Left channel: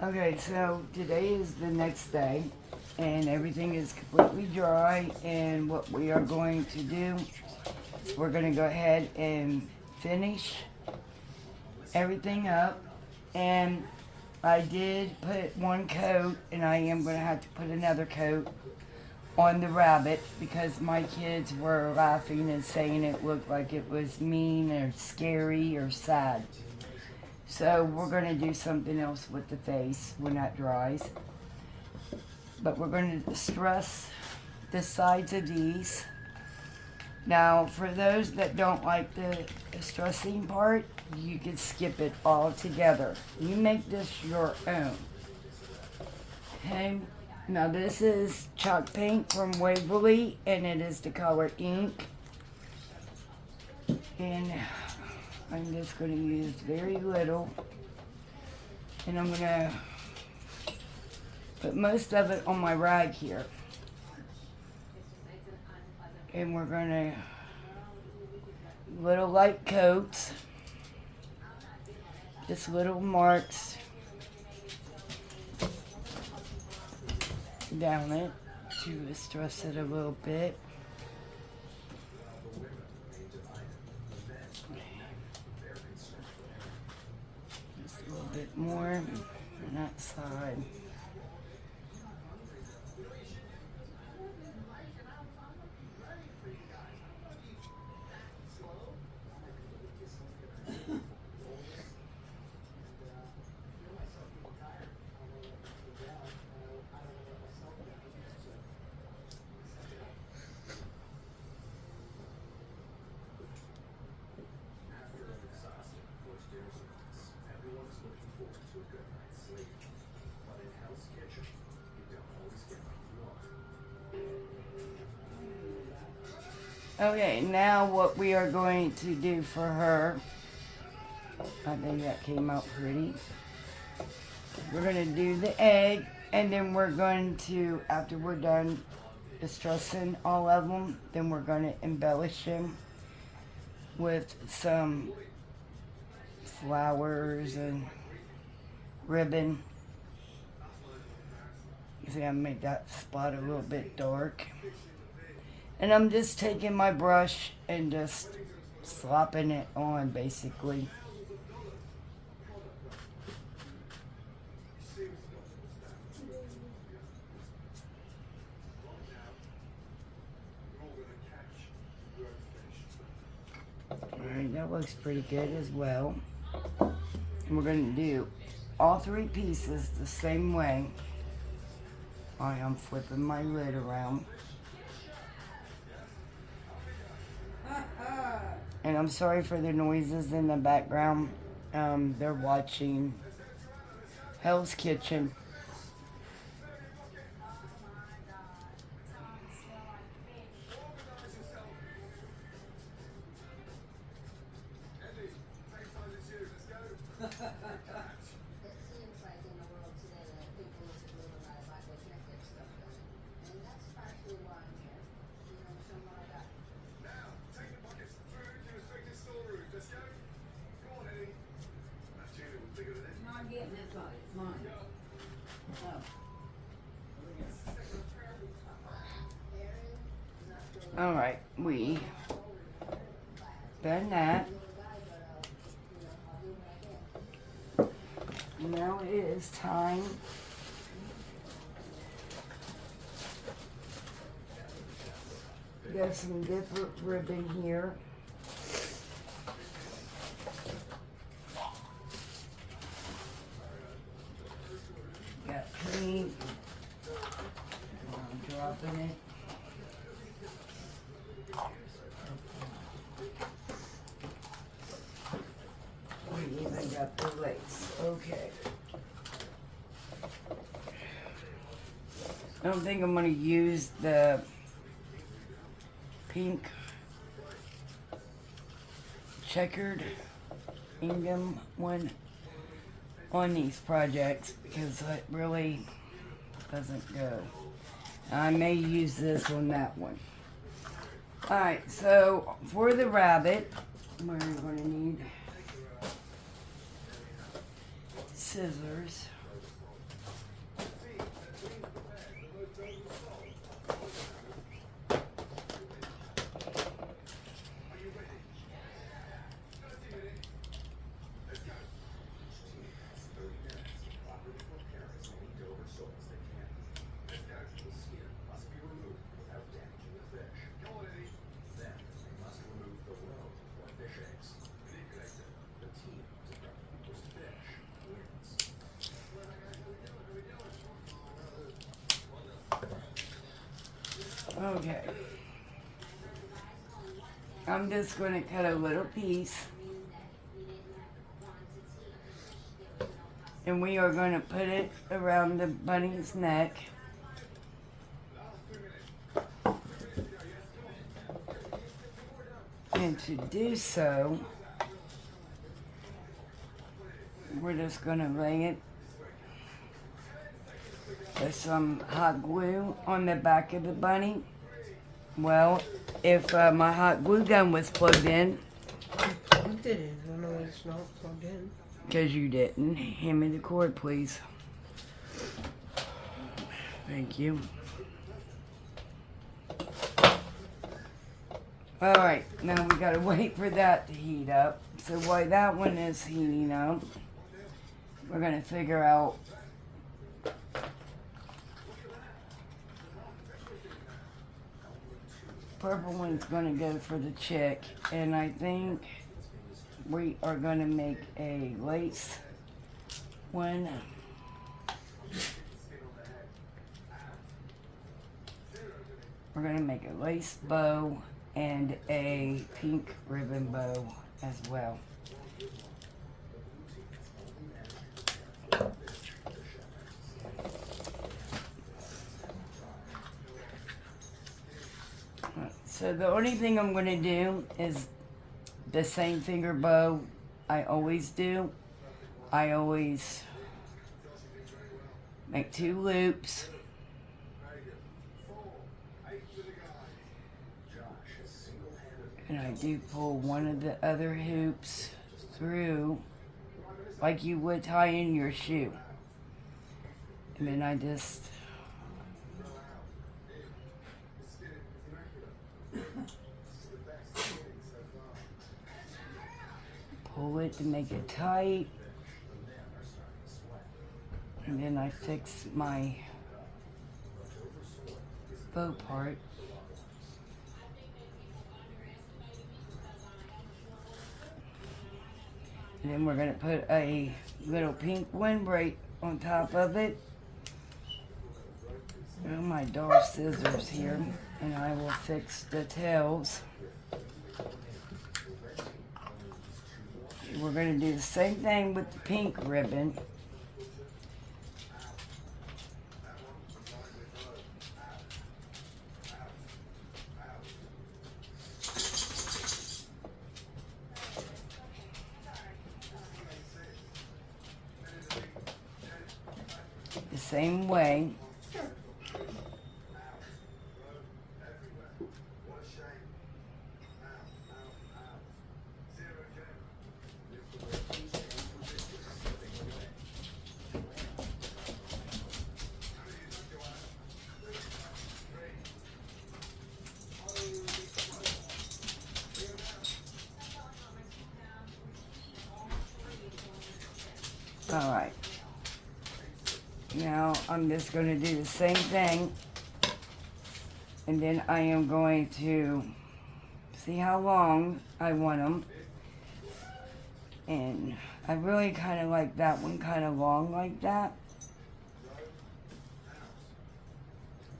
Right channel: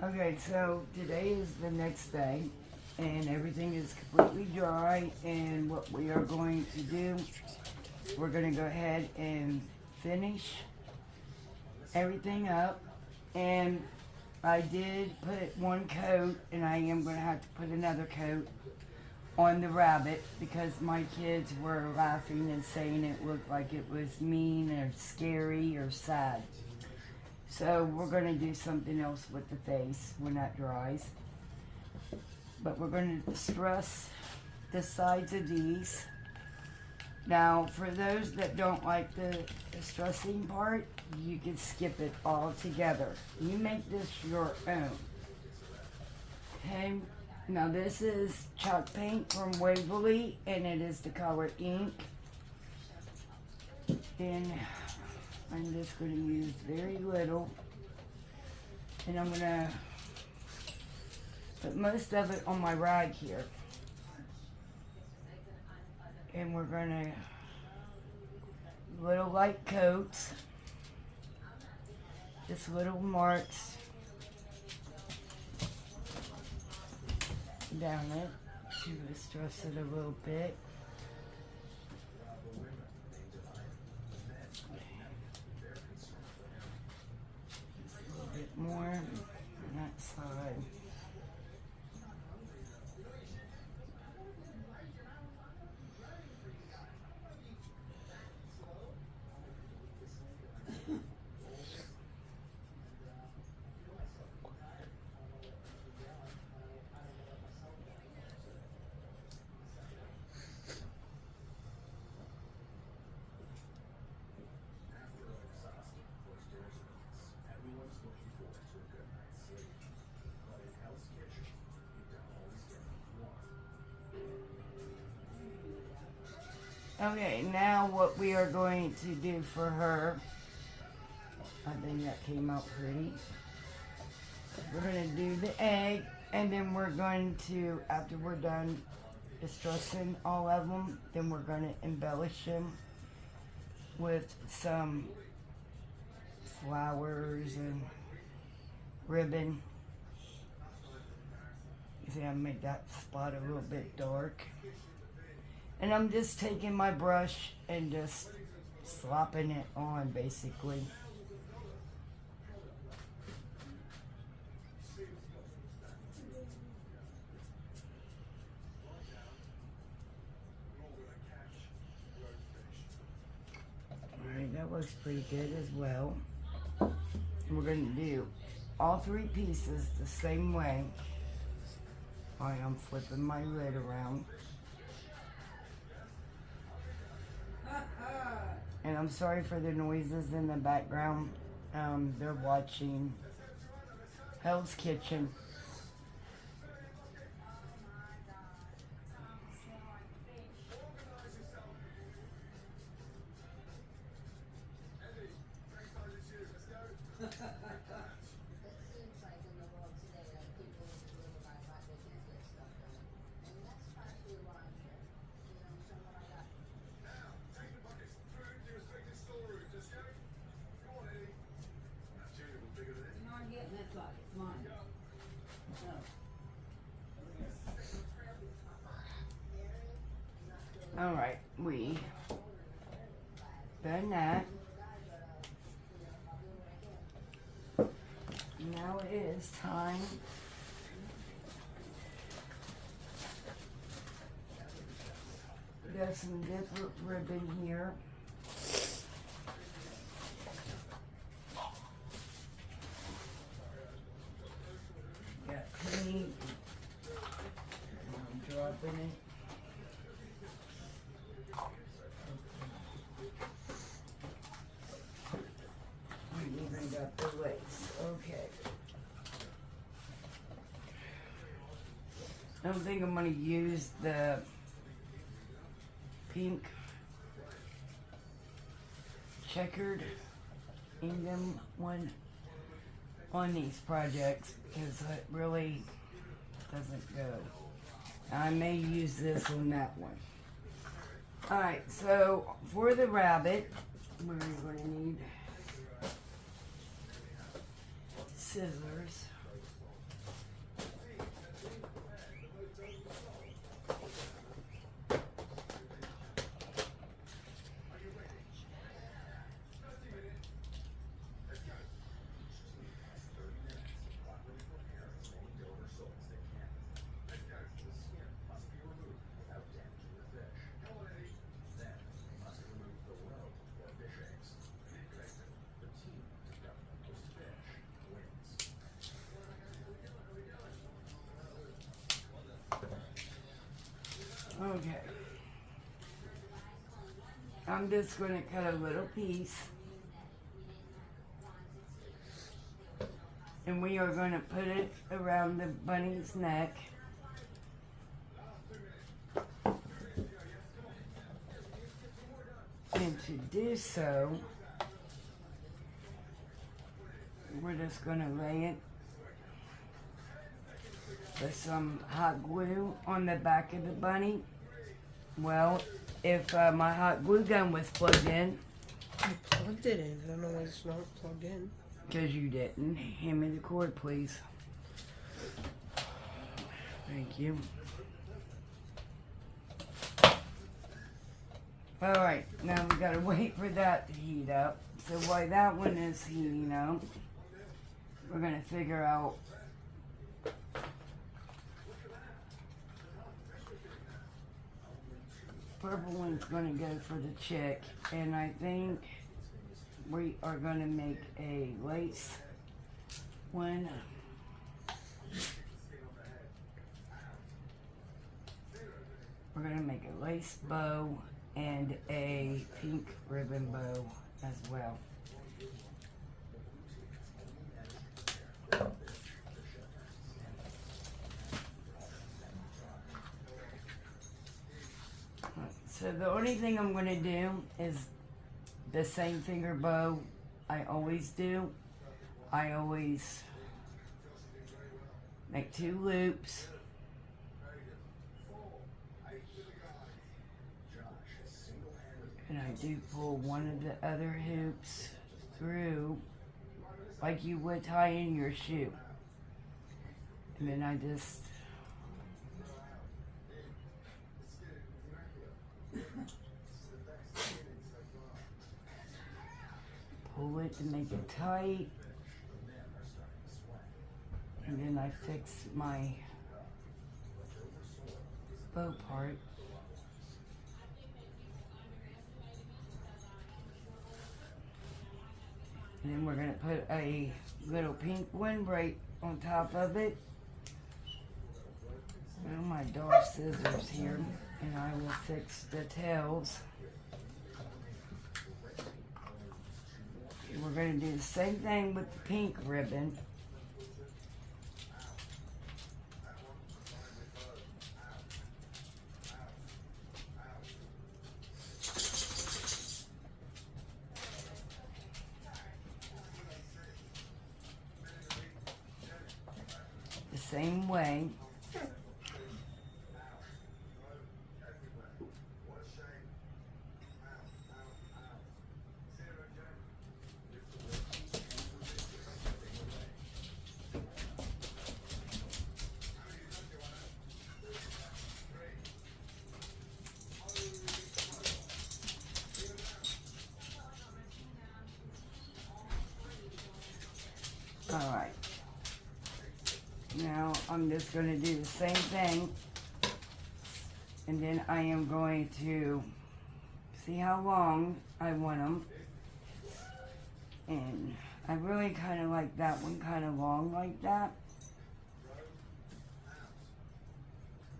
Okay, so today is the next day, and everything is completely dry. And what we are going to do, we're going to go ahead and finish everything up. And I did put one coat, and I am going to have to put another coat on the rabbit because my kids were laughing and saying it looked like it was mean or scary or sad. So we're going to do something else with the face when that dries. But we're going to stress the sides of these. Now, for those that don't like the stressing part, you can skip it altogether. You make this your own. Okay? Now this is chalk paint from Waverly, and it is the color ink. And I'm just going to use very little, and I'm going to put most of it on my rag here. And we're going to little light coats, just little marks down it to stress it a little bit. More on that side. Okay, now what we are going to do for her, I think that came out pretty. We're going to do the egg, and then we're going to, after we're done distressing all of them, then we're going to embellish them with some flowers and ribbon. See, I made that spot a little bit dark. And I'm just taking my brush and just slopping it on, basically. Alright, that looks pretty good as well. And we're going to do all three pieces the same way. Alright, I'm flipping my lid around. And I'm sorry for the noises in the background. They're watching Hell's Kitchen. Alright, we done that. Now it is time got some different ribbon here. Got pink. I'm dropping it. We even got the lace. Okay. I don't think I'm going to use the pink checkered Ingham one on these projects because it really doesn't go. I may use this on that one. Alright, so for the rabbit, we're going to need scissors. Okay. I'm just going to cut a little piece. And we are going to put it around the bunny's neck. And to do so, we're just going to lay it with some hot glue on the back of the bunny. Well, if my hot glue gun was plugged in. You plugged it in. I don't know why it's not plugged in. Because you didn't. Hand me the cord, please. Thank you. Alright, now we gotta wait for that to heat up. So while that one is heating up, we're gonna figure out purple one's gonna go for the chick, and I think we are gonna make a lace one. We're gonna make a lace bow and a pink ribbon bow as well. So the only thing I'm going to do is the same finger bow I always do. I always make 2 loops. And I do pull one of the other hoops through like you would tie in your shoe. And then I just pull it to make it tight, and then I fix my bow part. And then we're going to put a little pink windbreak on top of it. And my doll scissors here, and I will fix the tails. We're going to do the same thing with the pink ribbon. The same way. Alright, now I'm just going to do the same thing, and then I am going to see how long I want them, and I really kind of like that one kind of long like that.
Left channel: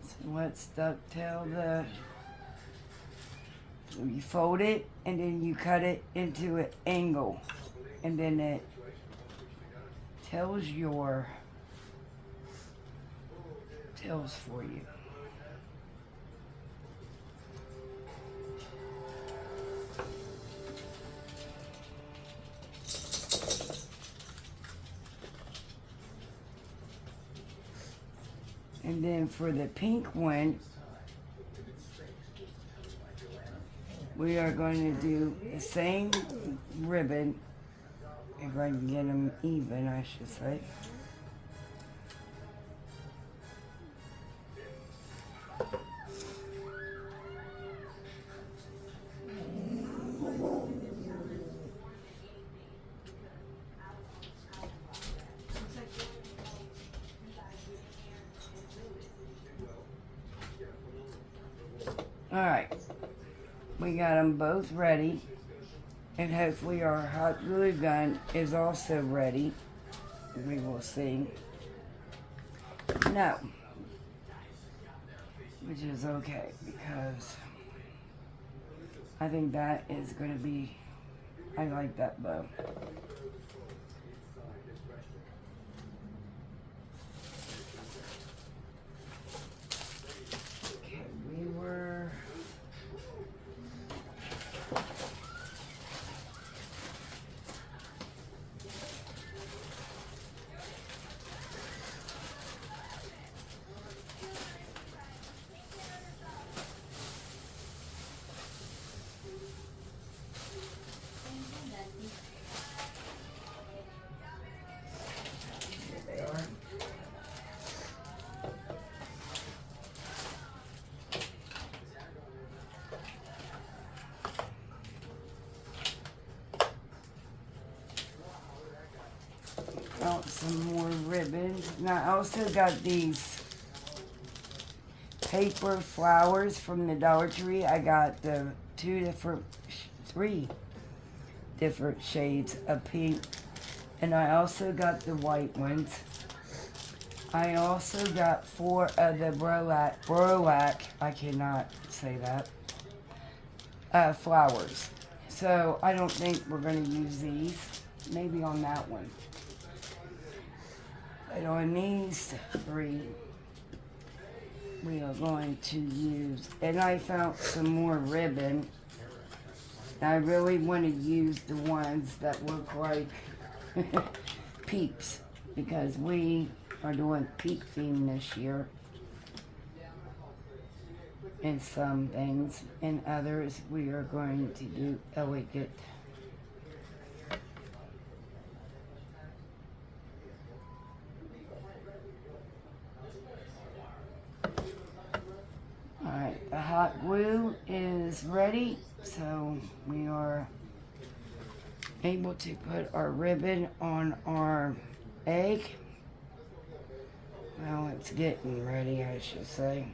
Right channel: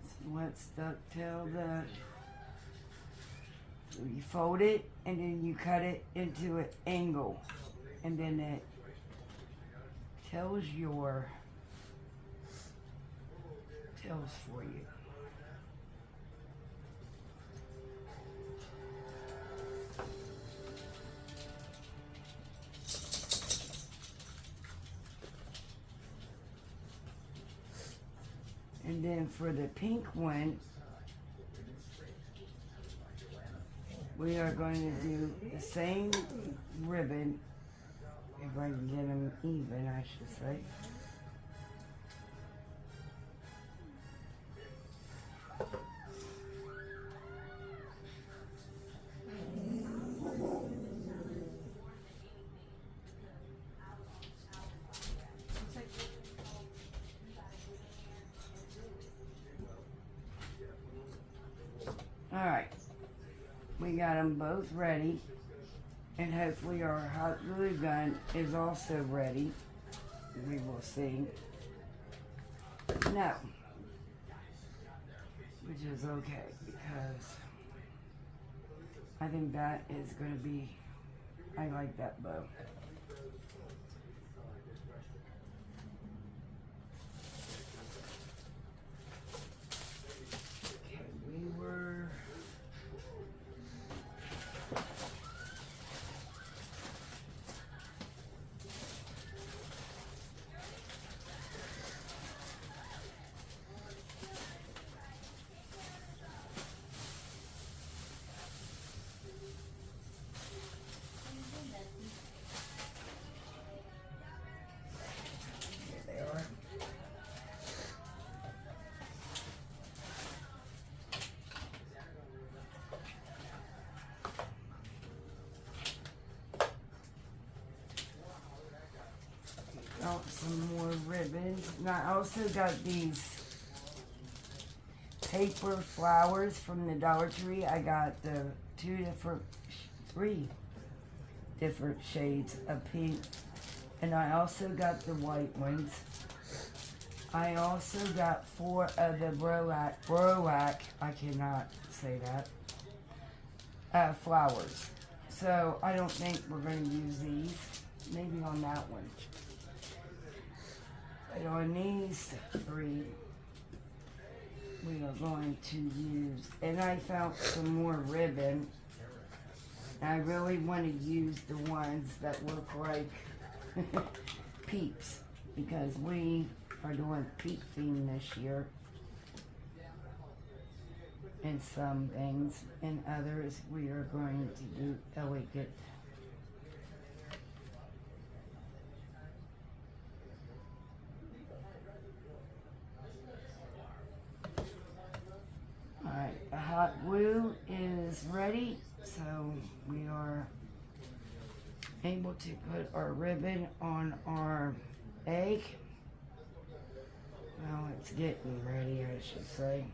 So let's dovetail you fold it, and then you cut it into an angle, and then it tells your tails for you. And then for the pink one, we are going to do the same ribbon. If I can get them even, I should say. Alright, we got them both ready. And hopefully our hot glue gun is also ready. We will see. Now, which is okay because I think that is going to be, I like that bow. Okay, we were out some more ribbons. Now I also got these paper flowers from the Dollar Tree. I got the three different shades of pink, and I also got the white ones. I also got 4 of the Brolac, I cannot say that, flowers. So I don't think we're going to use these. Maybe on that one. But on these 3, we are going to use, and I found some more ribbon. I really want to use the ones that look like peeps, because we are doing peep theme this year. In some things, in others we are going to do elegant. Alright, the hot glue is ready, so we are able to put our ribbon on our egg. Well, it's getting ready, I should say.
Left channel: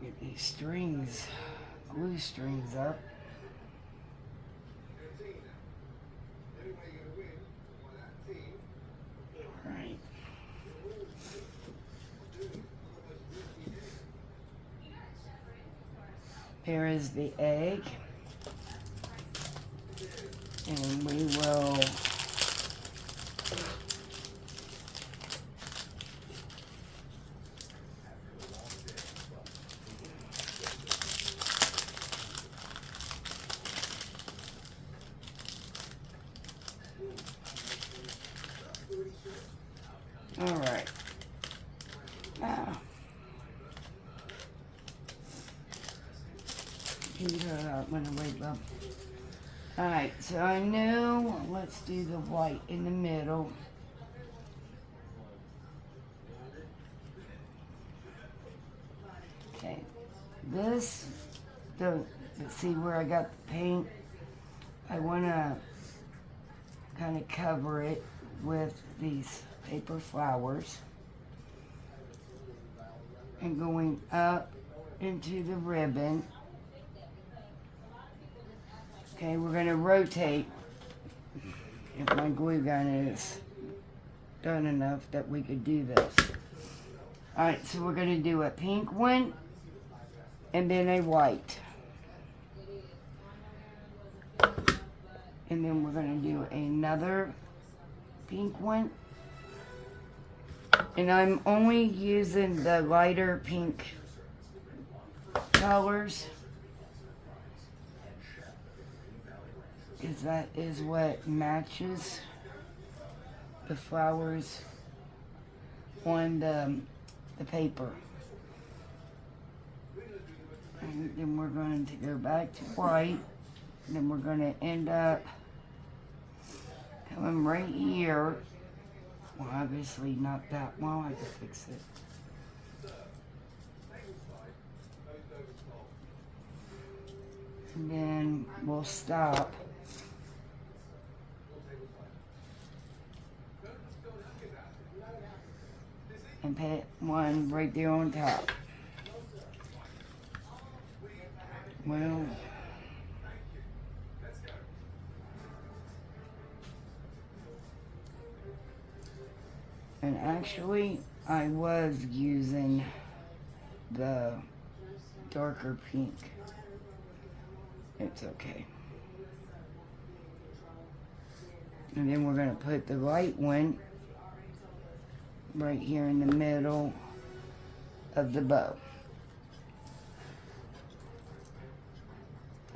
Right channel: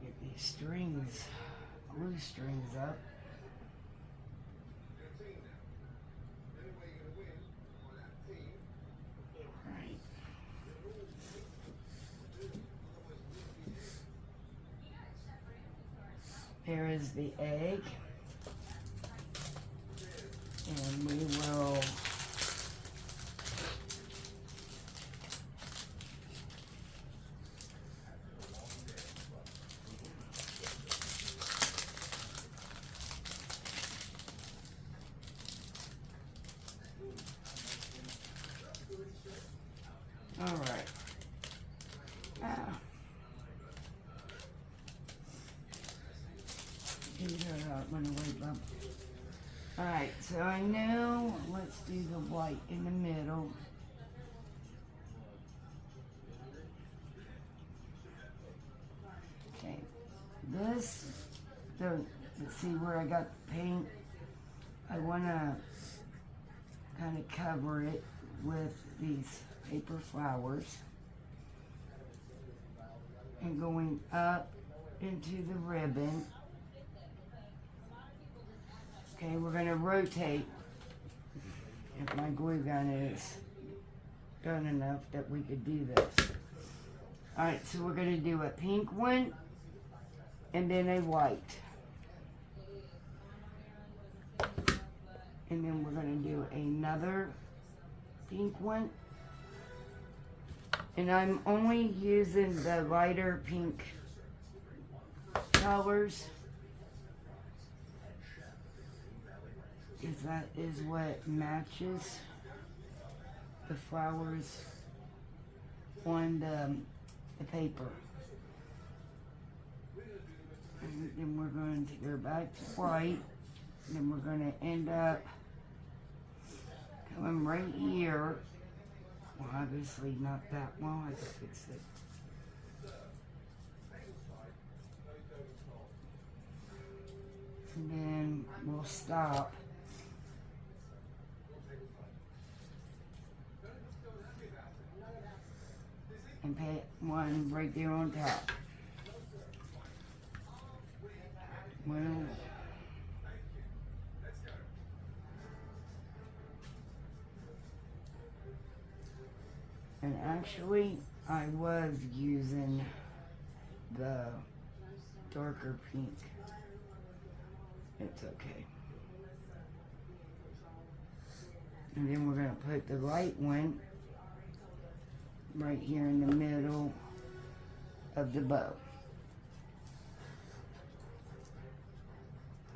Get these strings, glue strings up. Right. There is the egg. And we will all right. Alright, so I know, let's do the white in the middle. Okay, this, let's see where I got the paint. I want to kind of cover it with these paper flowers. And going up into the ribbon. Okay, we're going to rotate if my glue gun is done enough that we could do this. Alright, so we're going to do a pink one and then a white. And then we're going to do another pink one. And I'm only using the lighter pink colors, because that is what matches the flowers on the paper. And then we're going to go back to white. And then we're going to end up coming right here. Well, obviously not that well. I can fix it. And then we'll stop. And put one right there on top. Well, And actually, I was using the darker pink. It's okay. And then we're going to put the light one right here in the middle of the bow.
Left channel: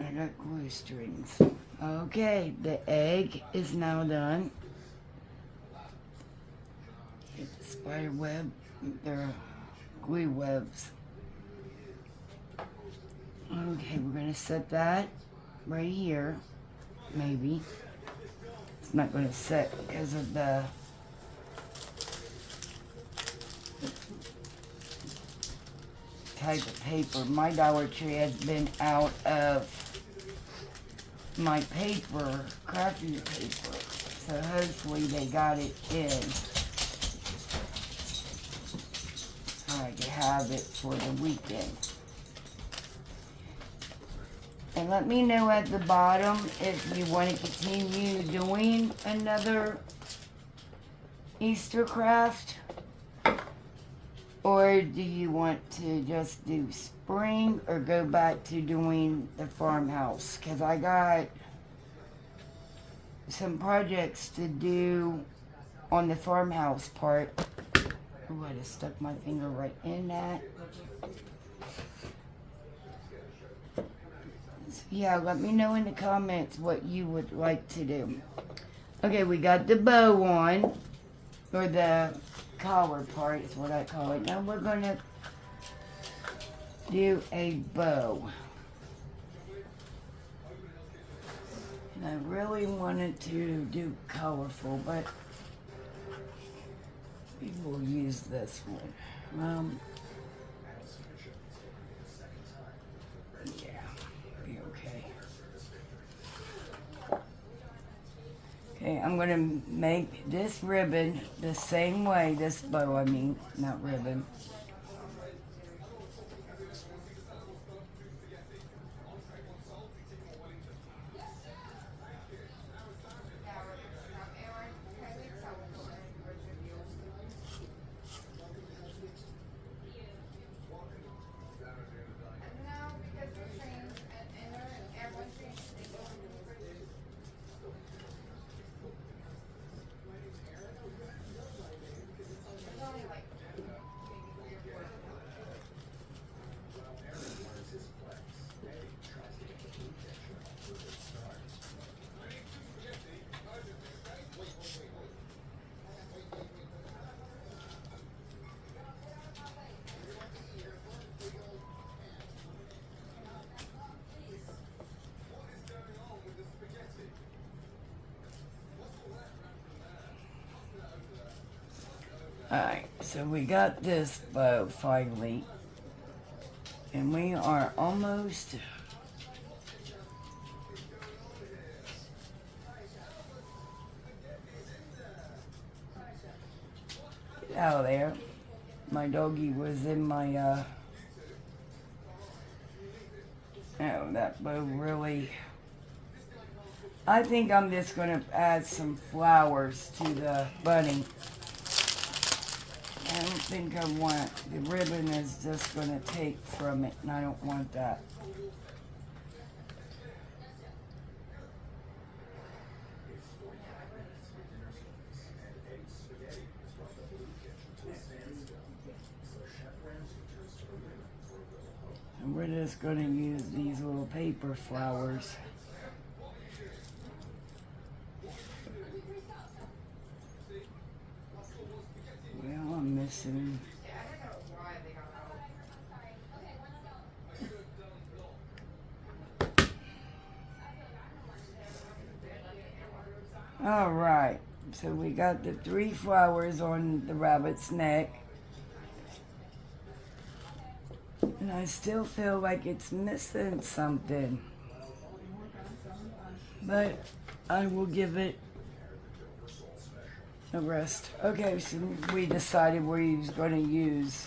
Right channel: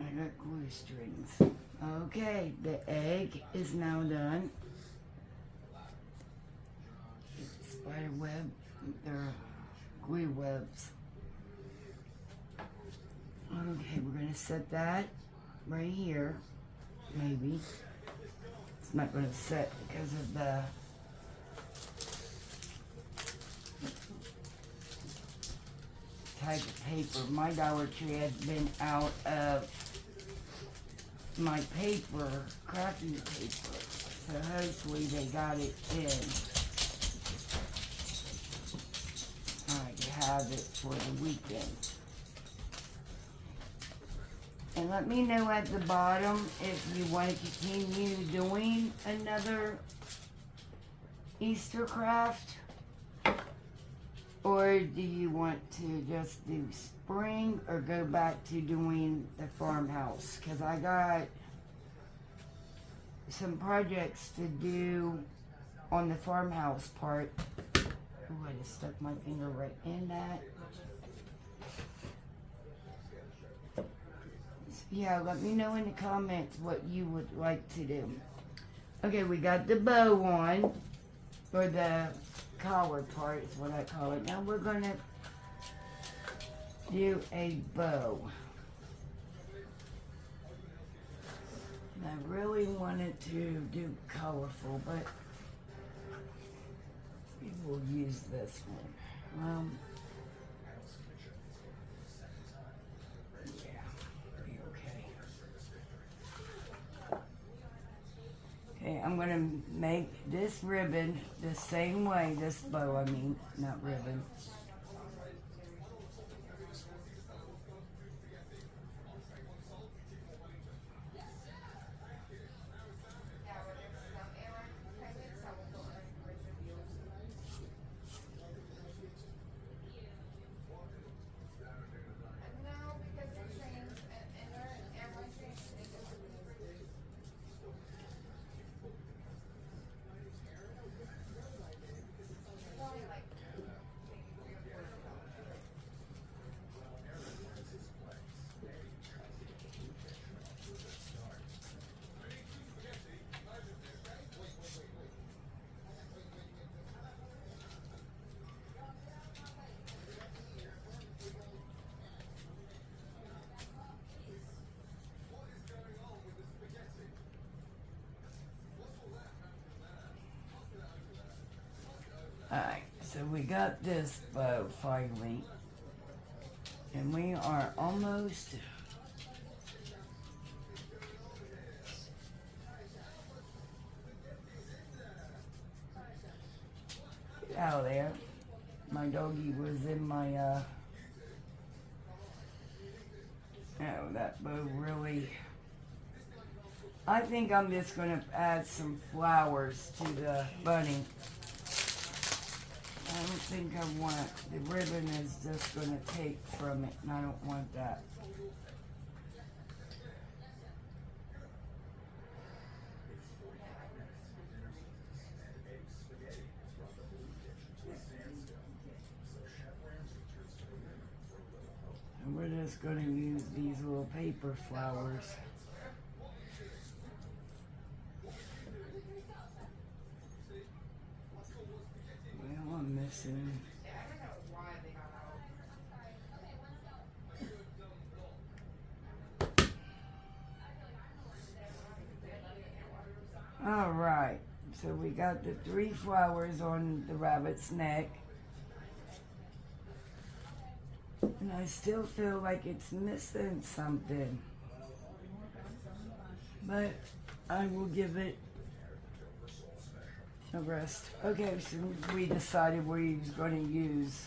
I got glue strings. Okay, the egg is now done. Get the spider web. They're glue webs. Okay, we're going to set that right here. Maybe. It's not going to set because of the type of paper. My Dollar Tree has been out of my paper, crafting paper. So hopefully they got it in. I can have it for the weekend. And let me know at the bottom if you want to continue doing another Easter craft, or do you want to just do spring or go back to doing the farmhouse? Because I got some projects to do on the farmhouse part. Oh, I just stuck my finger right in that. Yeah, let me know in the comments what you would like to do. Okay, we got the bow on, or the collar part is what I call it. Now we're gonna do a bow. And I really wanted to do colorful, but we will use this one. Okay, I'm going to make this ribbon the same way, this bow, I mean, not ribbon. Alright, so we got this bow finally, and we are almost out of there. My doggy was in my, oh, that bow really, I think I'm just going to add some flowers to the bunny. I don't think I want, the ribbon is just going to take from it, and I don't want that. And we're just going to use these little paper flowers. Well, I'm missing. All right, so we got the 3 flowers on the rabbit's neck. And I still feel like it's missing something. But I will give it a rest. Okay, so we decided we was going to use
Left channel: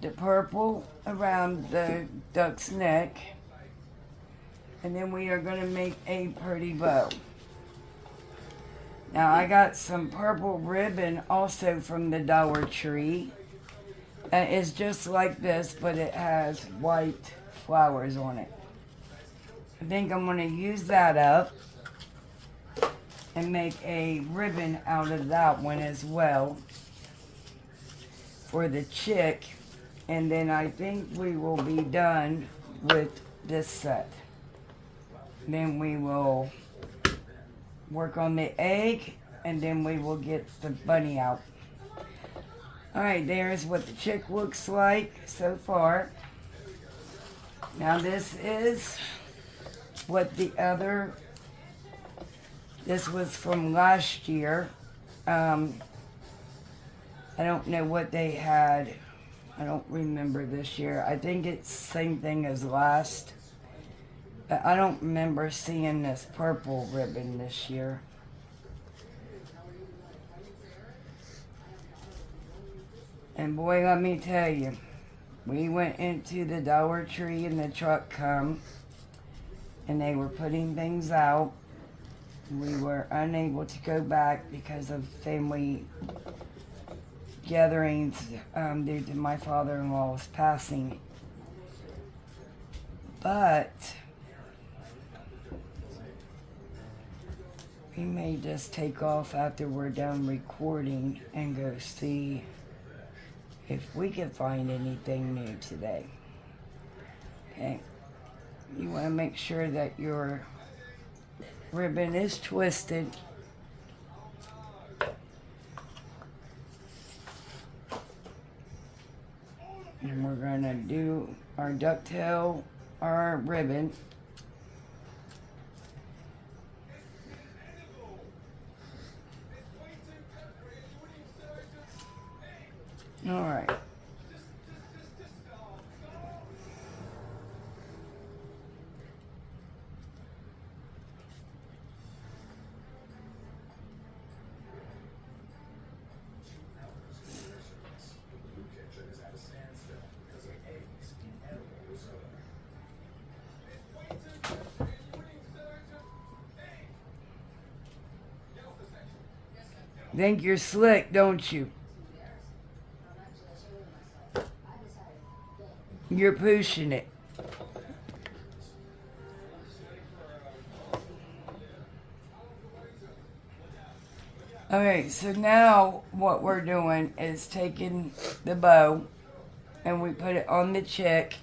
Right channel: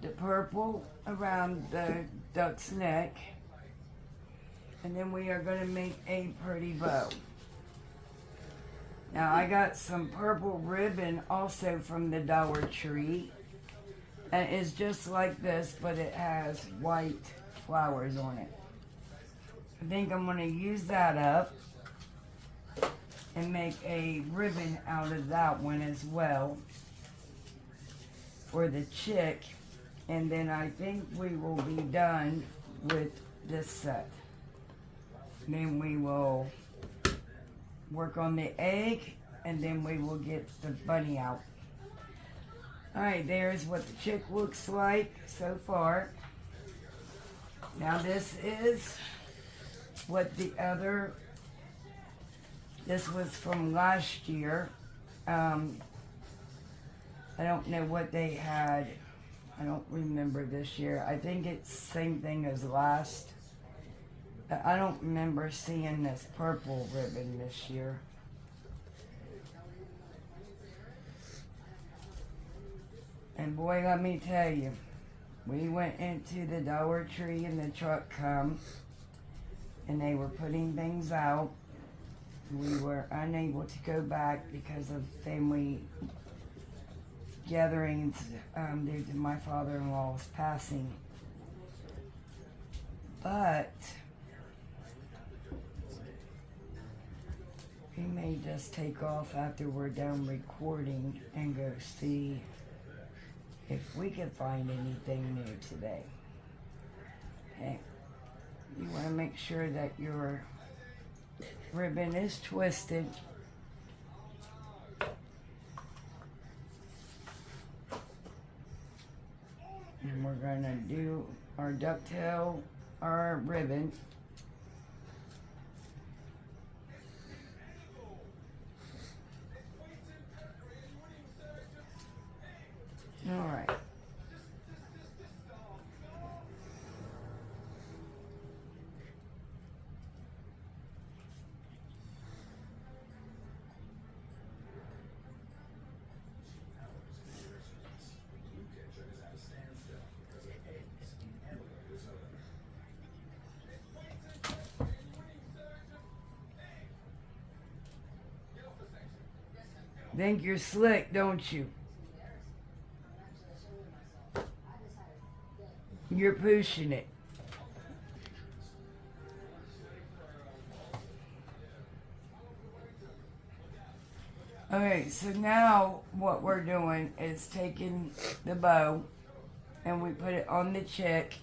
the purple around the duck's neck. And then we are going to make a pretty bow. Now I got some purple ribbon also from the Dollar Tree. And it's just like this, but it has white flowers on it. I think I'm going to use that up and make a ribbon out of that one as well for the chick. And then I think we will be done with this set. Then we will work on the egg, and then we will get the bunny out. Alright, there's what the chick looks like so far. Now this is what the other, this was from last year. I don't know what they had. I don't remember this year. I think it's the same thing as last. I don't remember seeing this purple ribbon this year. And boy, let me tell you, we went into the Dollar Tree and the truck come, and they were putting things out. We were unable to go back because of family gatherings due to my father-in-law's passing. But we may just take off after we're done recording and go see if we can find anything new today. Okay. You want to make sure that your ribbon is twisted. And we're going to do our ducktail, our ribbon. All right. Think you're slick, don't you? You're pushing it. Alright, so now what we're doing is taking the bow and we put it on the chick,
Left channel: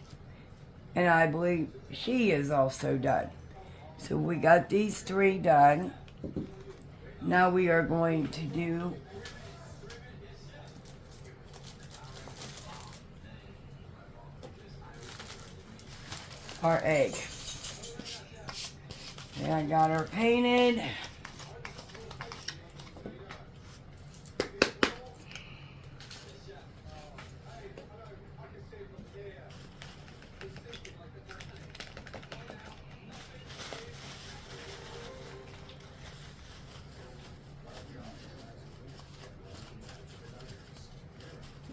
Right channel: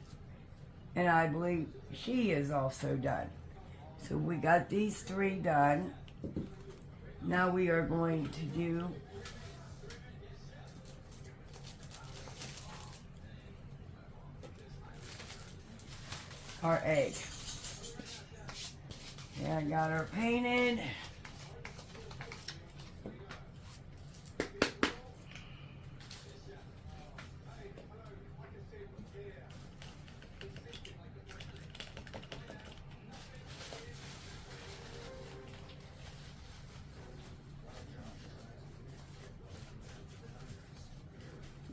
and I believe she is also done. So we got these three done. Now we are going to do our egg. And I got her painted.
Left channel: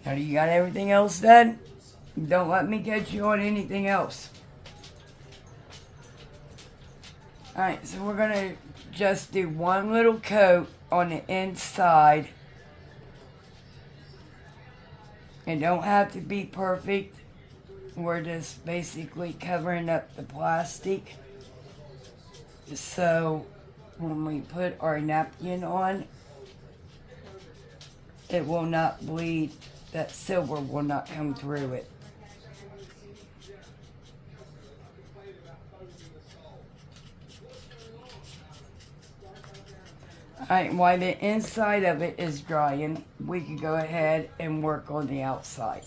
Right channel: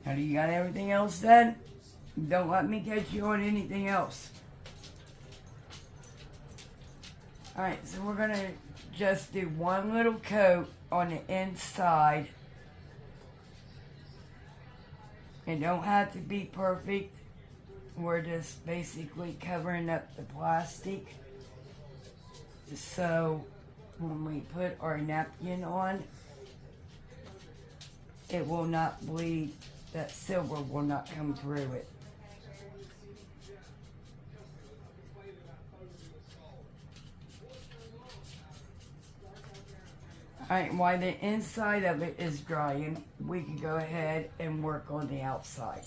Now, you got everything else done? Don't let me catch you on anything else. Alright, so we're going to just do one little coat on the inside. It don't have to be perfect. We're just basically covering up the plastic. So when we put our napkin on, it will not bleed. That silver will not come through it. Alright, while the inside of it is drying, we can go ahead and work on the outside.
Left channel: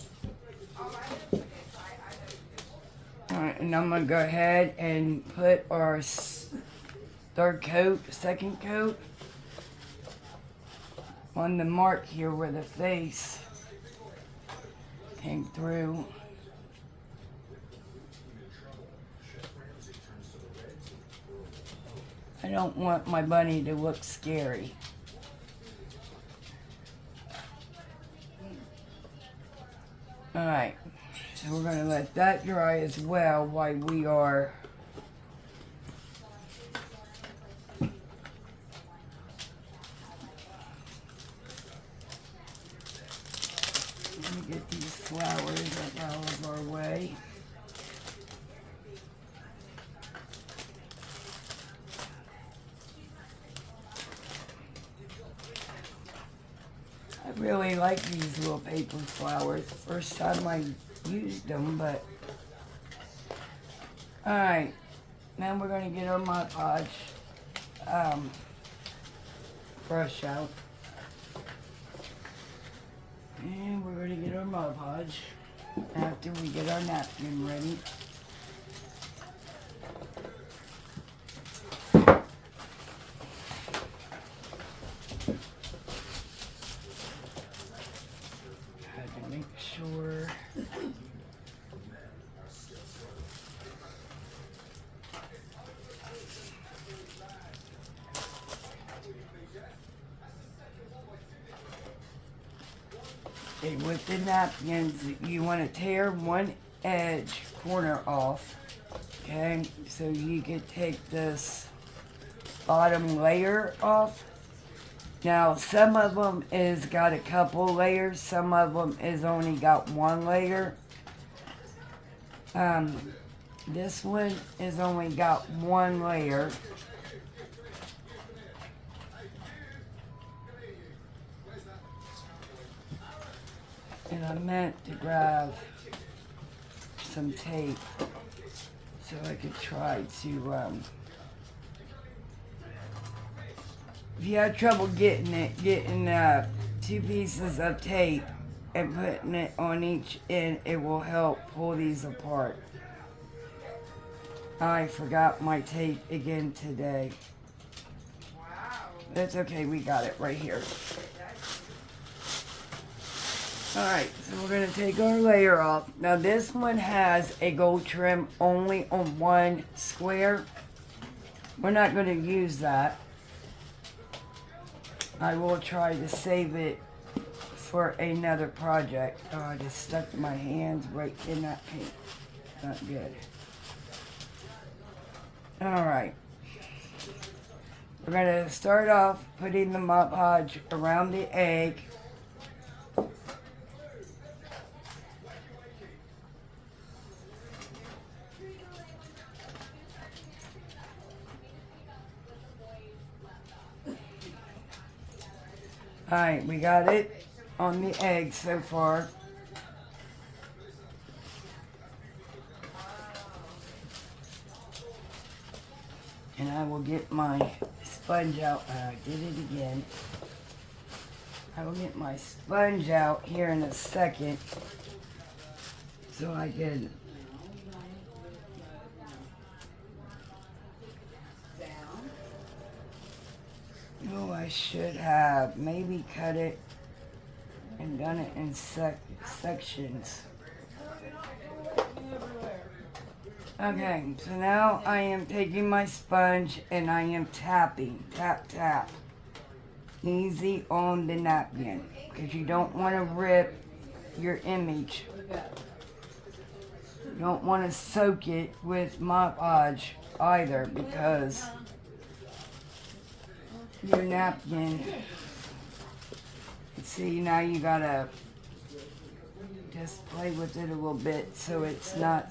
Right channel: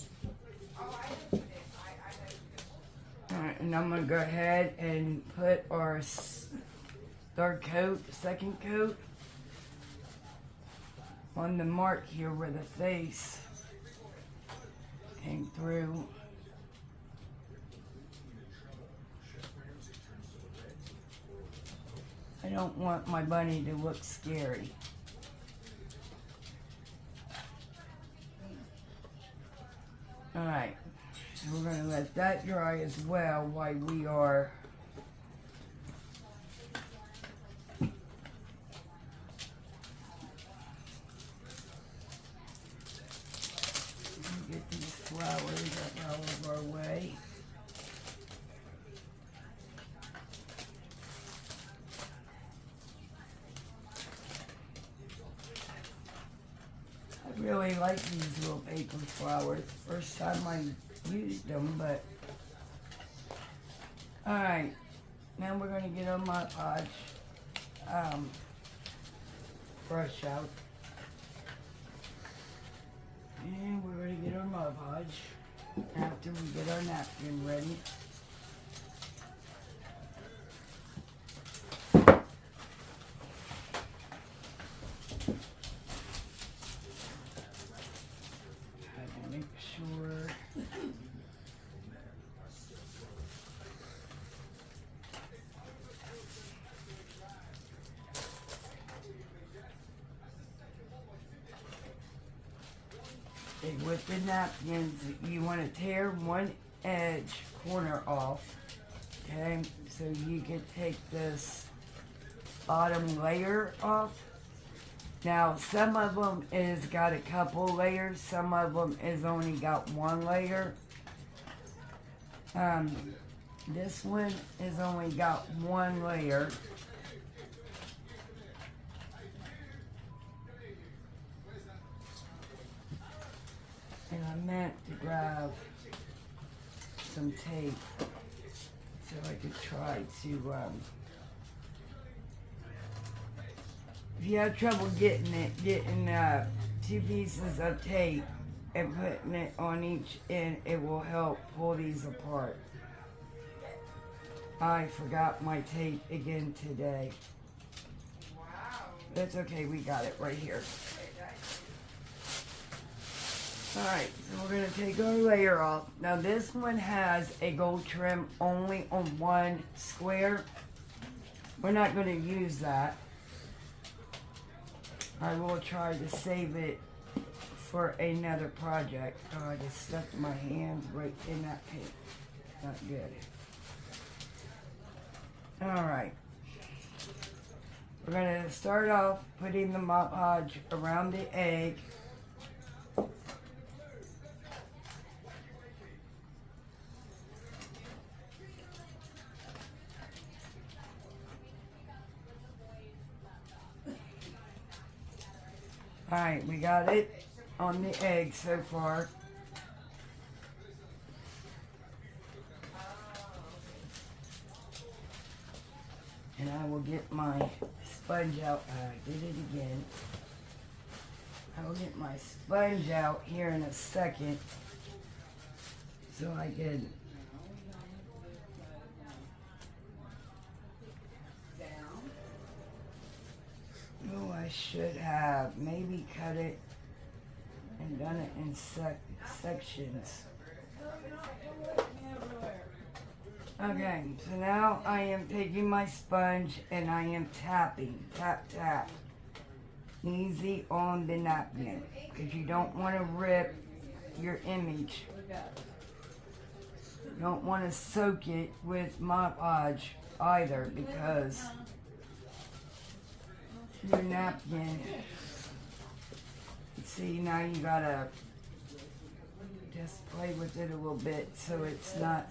Alright, and I'm going to go ahead and put our third coat, second coat, on the mark here where the face came through. I don't want my bunny to look scary. Alright, so we're going to let that dry as well while we are I really like these little paper flowers. First time I used them, but... Alright, now we're going to get our Mod Podge brush out. And we're going to get our Mod Podge after we get our napkin ready. Make sure okay, with the napkins you want to tear one edge corner off, okay, so you can take this bottom layer off. Now, some of them is got a couple layers, some of them is only got one layer. This one is only got one layer. And I meant to grab some tape so I could try to, if you have trouble getting 2 pieces of tape and putting it on each end, it will help pull these apart. I forgot my tape again today. That's okay, we got it right here. Alright, so we're going to take our layer off. Now this one has a gold trim only on one square. We're not going to use that. I will try to save it for another project. Oh, I just stuck my hands right in that paint. Not good. Alright. We're going to start off putting the Mod Podge around the egg. Alright, we got it on the egg so far. And I will get my sponge out. I did it again. I will get my sponge out here in a second so I can I should have maybe cut it and done it in sections. Okay, so now I am taking my sponge and I am tapping, tap, tap, easy on the napkin, because you don't want to rip your image. You don't want to soak it with Mod Podge either, because your napkin, see, now you gotta just play with it a little bit so it's not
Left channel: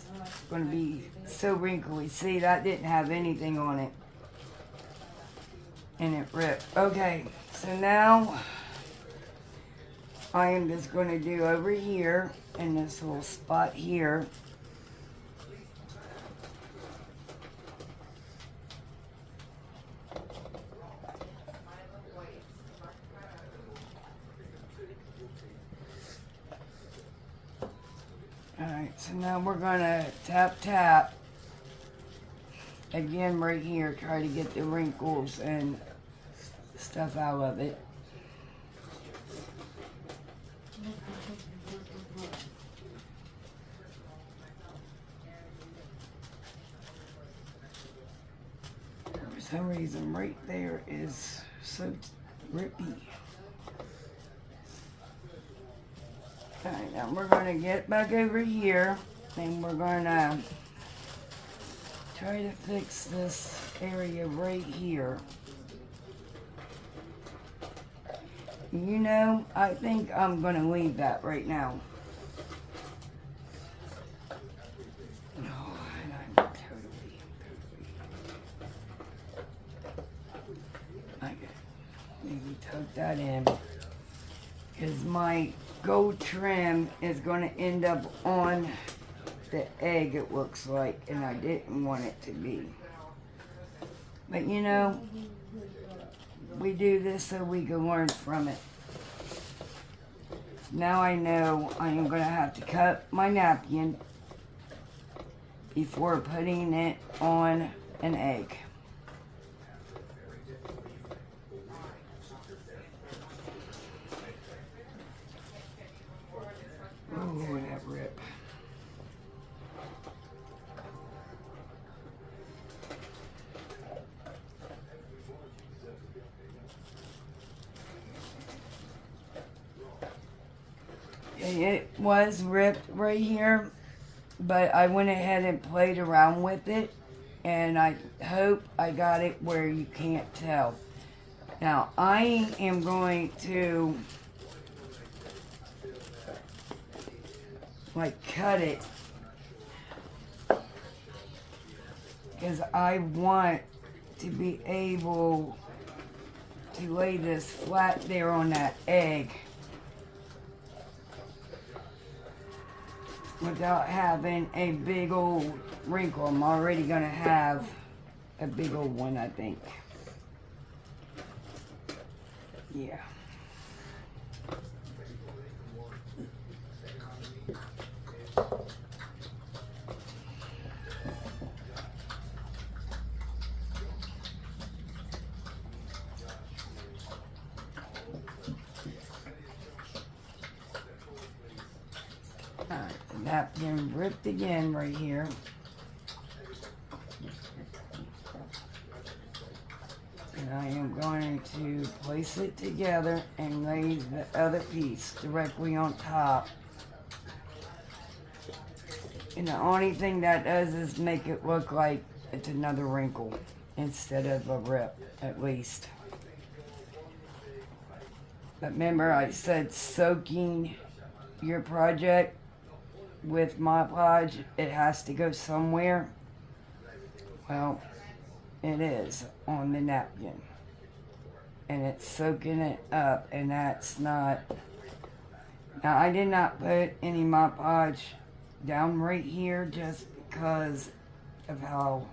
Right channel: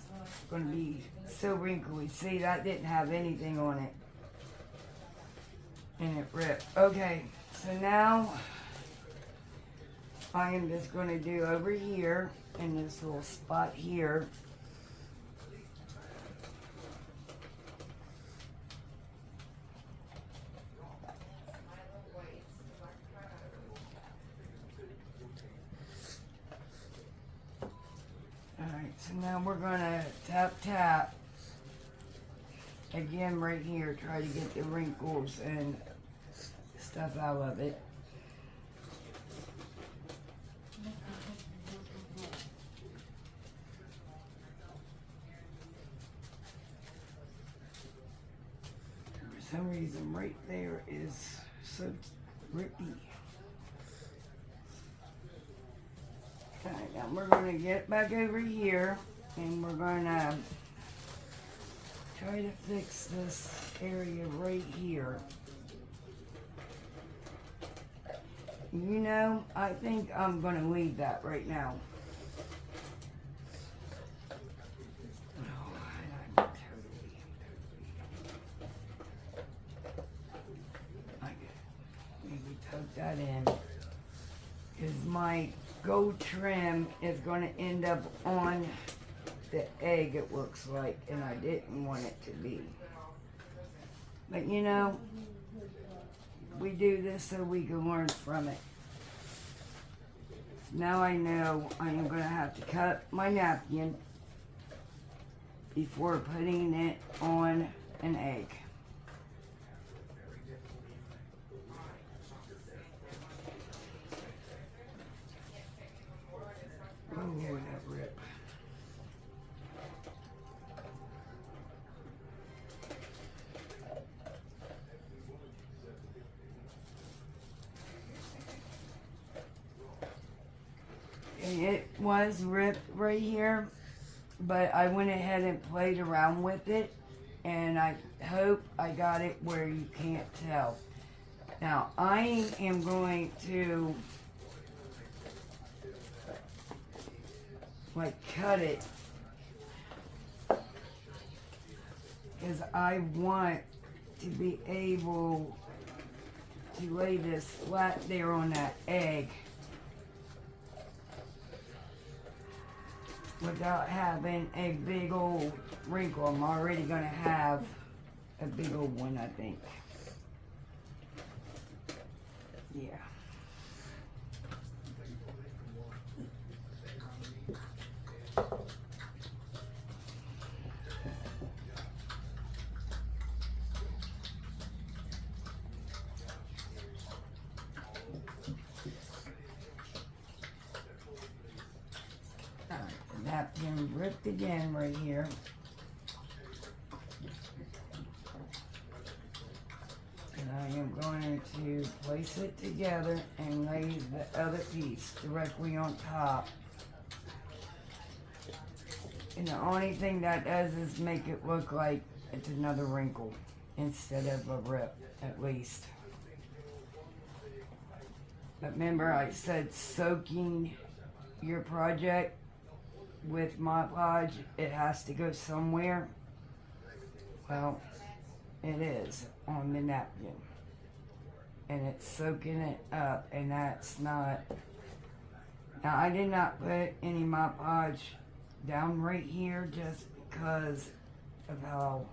going to be so wrinkly. See, that didn't have anything on it and it ripped. Okay, so now I am just going to do over here in this little spot here. Alright, so now we're going to tap, tap again right here, try to get the wrinkles and stuff out of it. For some reason right there is so rippy. Alright, now we're going to get back over here and we're going to try to fix this area right here. You know, I think I'm going to leave that right now. Oh, and I'm totally. I maybe tuck that in. because my gold trim is going to end up on the egg, it looks like, and I didn't want it to be. But you know, we do this so we can learn from it. Now I know I am going to have to cut my napkin before putting it on an egg. Oh, that rip. It was ripped right here, but I went ahead and played around with it, and I hope I got it where you can't tell. Now I am going to like cut it because I want to be able to lay this flat there on that egg without having a big old wrinkle. I'm already gonna have a big old one, I think. Yeah. Napkin ripped again right here. And I am going to place it together and lay the other piece directly on top. And the only thing that does is make it look like it's another wrinkle instead of a rip, at least. But remember, I said soaking your project with Mod Podge, it has to go somewhere. Well, it is on the napkin. And it's soaking it up, and that's not... Now, I did not put any Mod Podge down right here just because of how...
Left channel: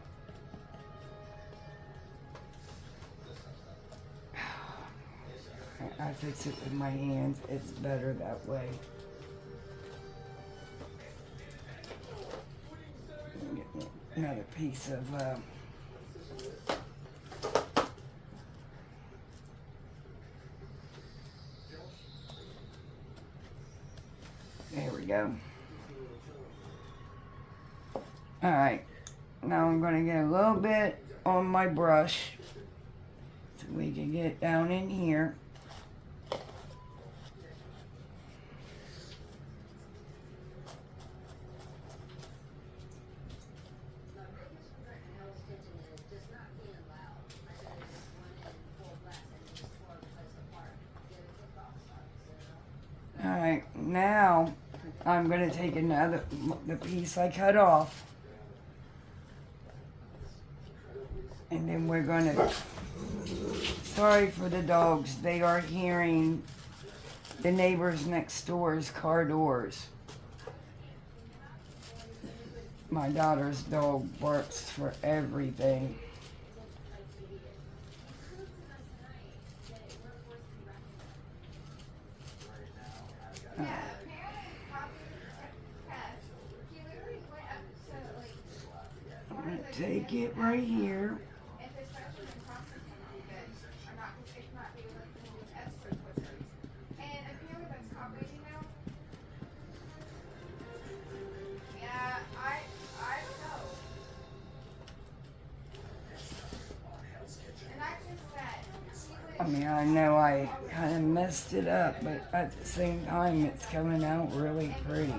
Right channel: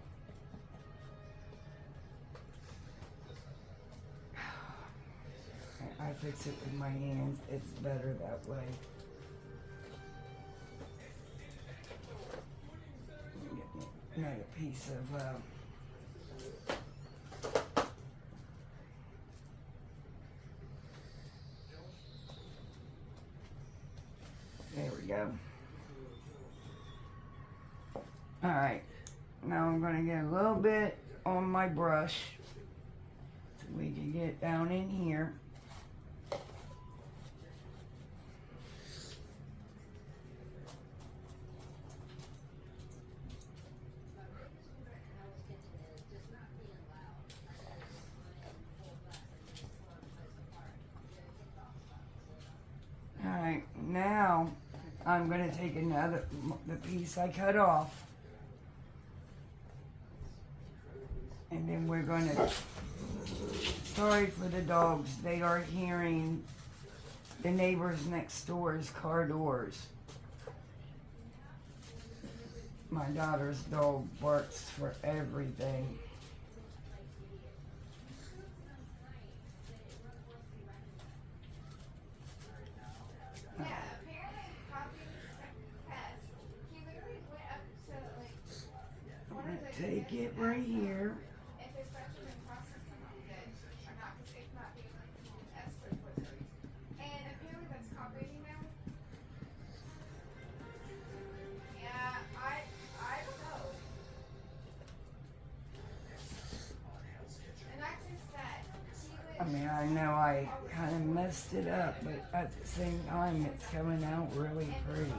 I fix it with my hands. It's better that way. Another piece of there we go. Alright, now I'm going to get a little bit on my brush so we can get down in here. Alright, now I'm going to take the piece I cut off, and then we're going to, sorry for the dogs, they are hearing the neighbors next door's car doors. My daughter's dog barks for everything. I'm going to take it right here. I mean, I know I kind of messed it up, but at the same time, it's coming out really pretty.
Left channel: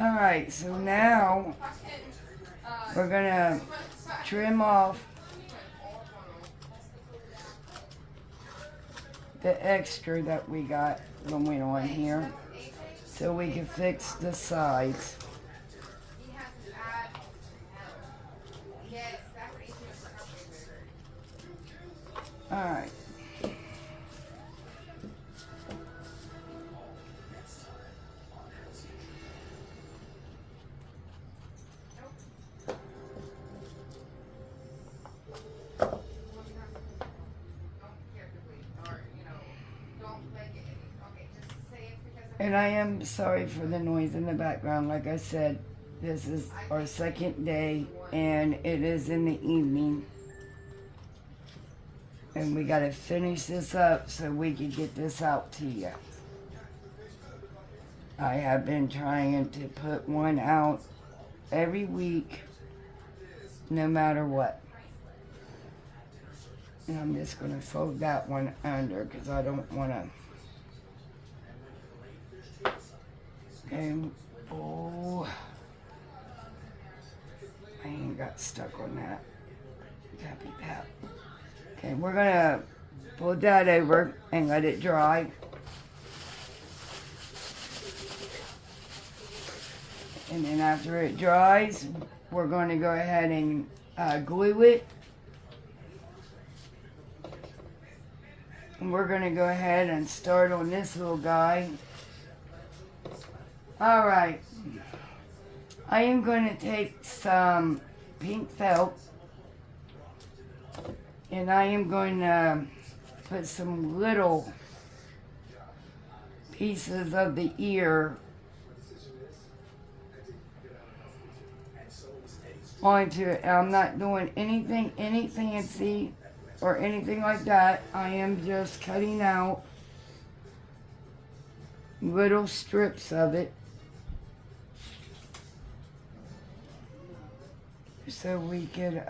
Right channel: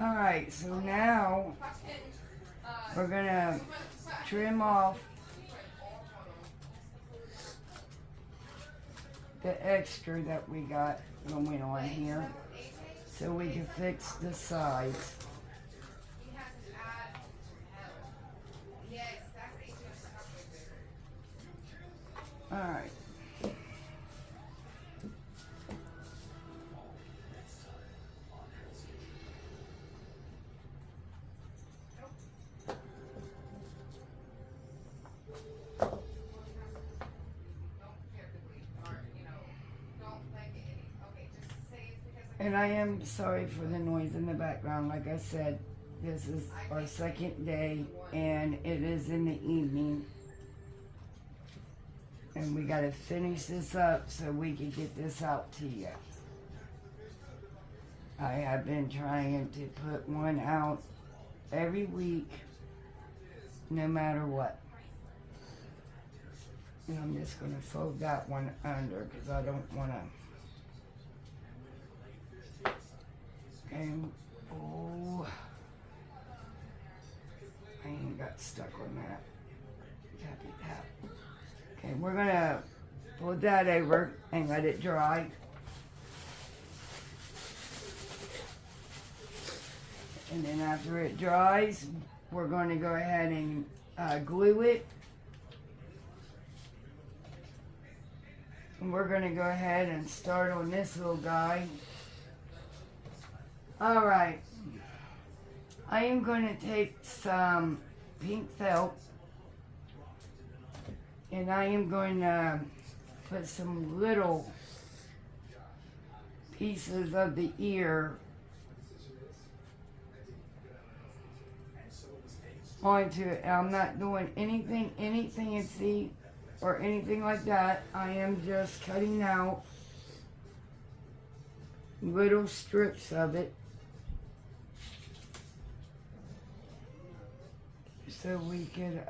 Alright, so now we're gonna trim off the extra that we got when we went on here so we can fix the sides. And I am sorry for the noise in the background. Like I said, this is our second day and it is in the evening. And we gotta finish this up so we can get this out to you. I have been trying to put one out every week, no matter what. And I'm just gonna fold that one under because I don't wanna. Okay, oh, I ain't got stuck on that. Tappy tap. Okay, we're gonna fold that over and let it dry. And then after it dries, we're going to go ahead and glue it. And we're going to go ahead and start on this little guy. Alright, I am going to take some pink felt and I am going to put some little pieces of the ear onto it. I'm not doing anything any fancy or anything like that. I am just cutting out little strips of it so we could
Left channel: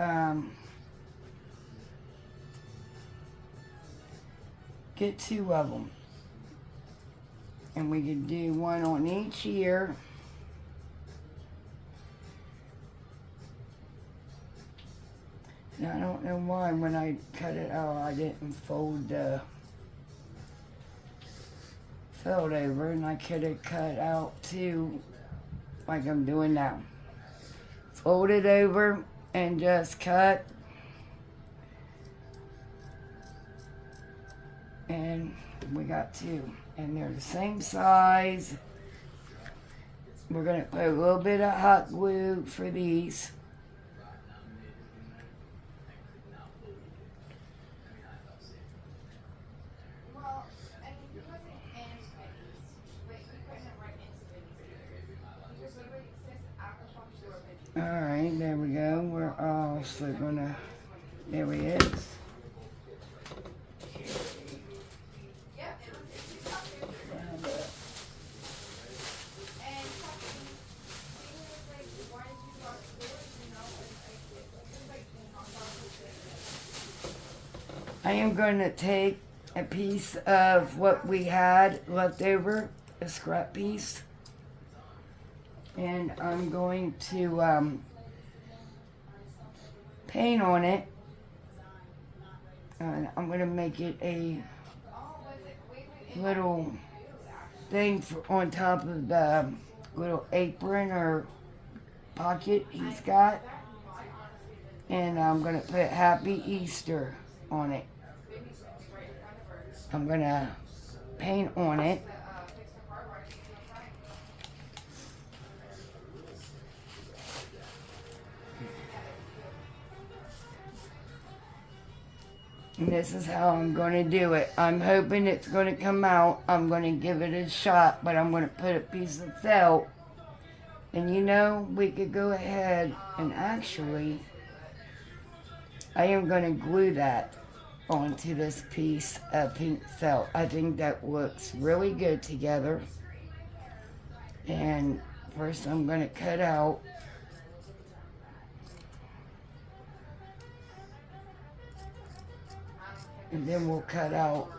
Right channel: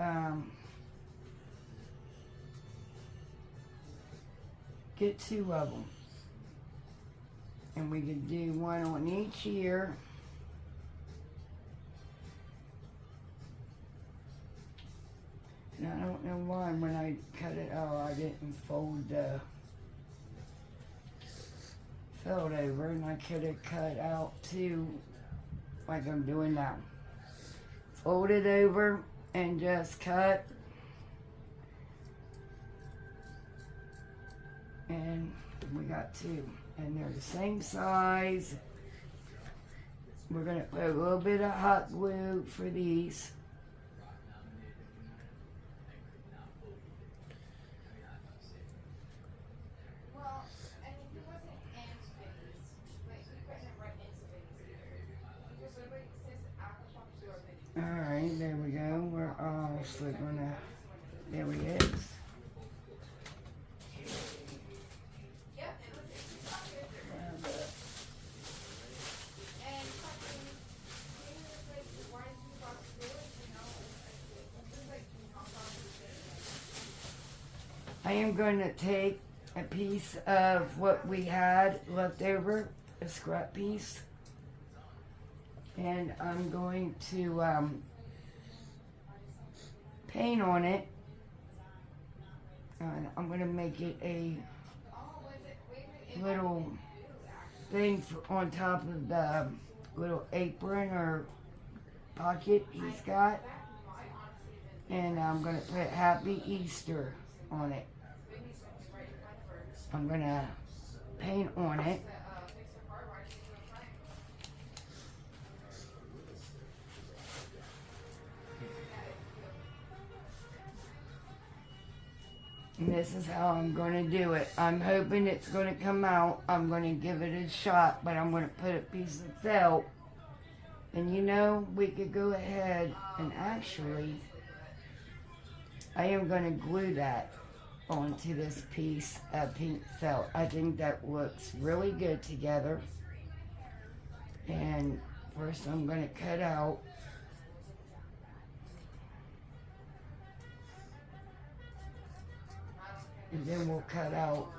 get two of them, and we could do one on each ear. And I don't know why when I cut it out I didn't fold the felt over, and I could have cut out two like I'm doing now. Fold it over and just cut. And we got two. And they're the same size. We're going to put a little bit of hot glue for these. Alright, there we go. We're also gonna, there he is. I am going to take a piece of what we had left over, a scrap piece. And I'm going to paint on it. And I'm going to make it a little thing on top of the little apron or pocket he's got. And I'm going to put Happy Easter on it. I'm going to paint on it. And this is how I'm going to do it. I'm hoping it's going to come out. I'm going to give it a shot, but I'm going to put a piece of felt. And you know, we could go ahead and actually, I am going to glue that onto this piece of pink felt. I think that looks really good together. And first I'm going to cut out and then we'll cut out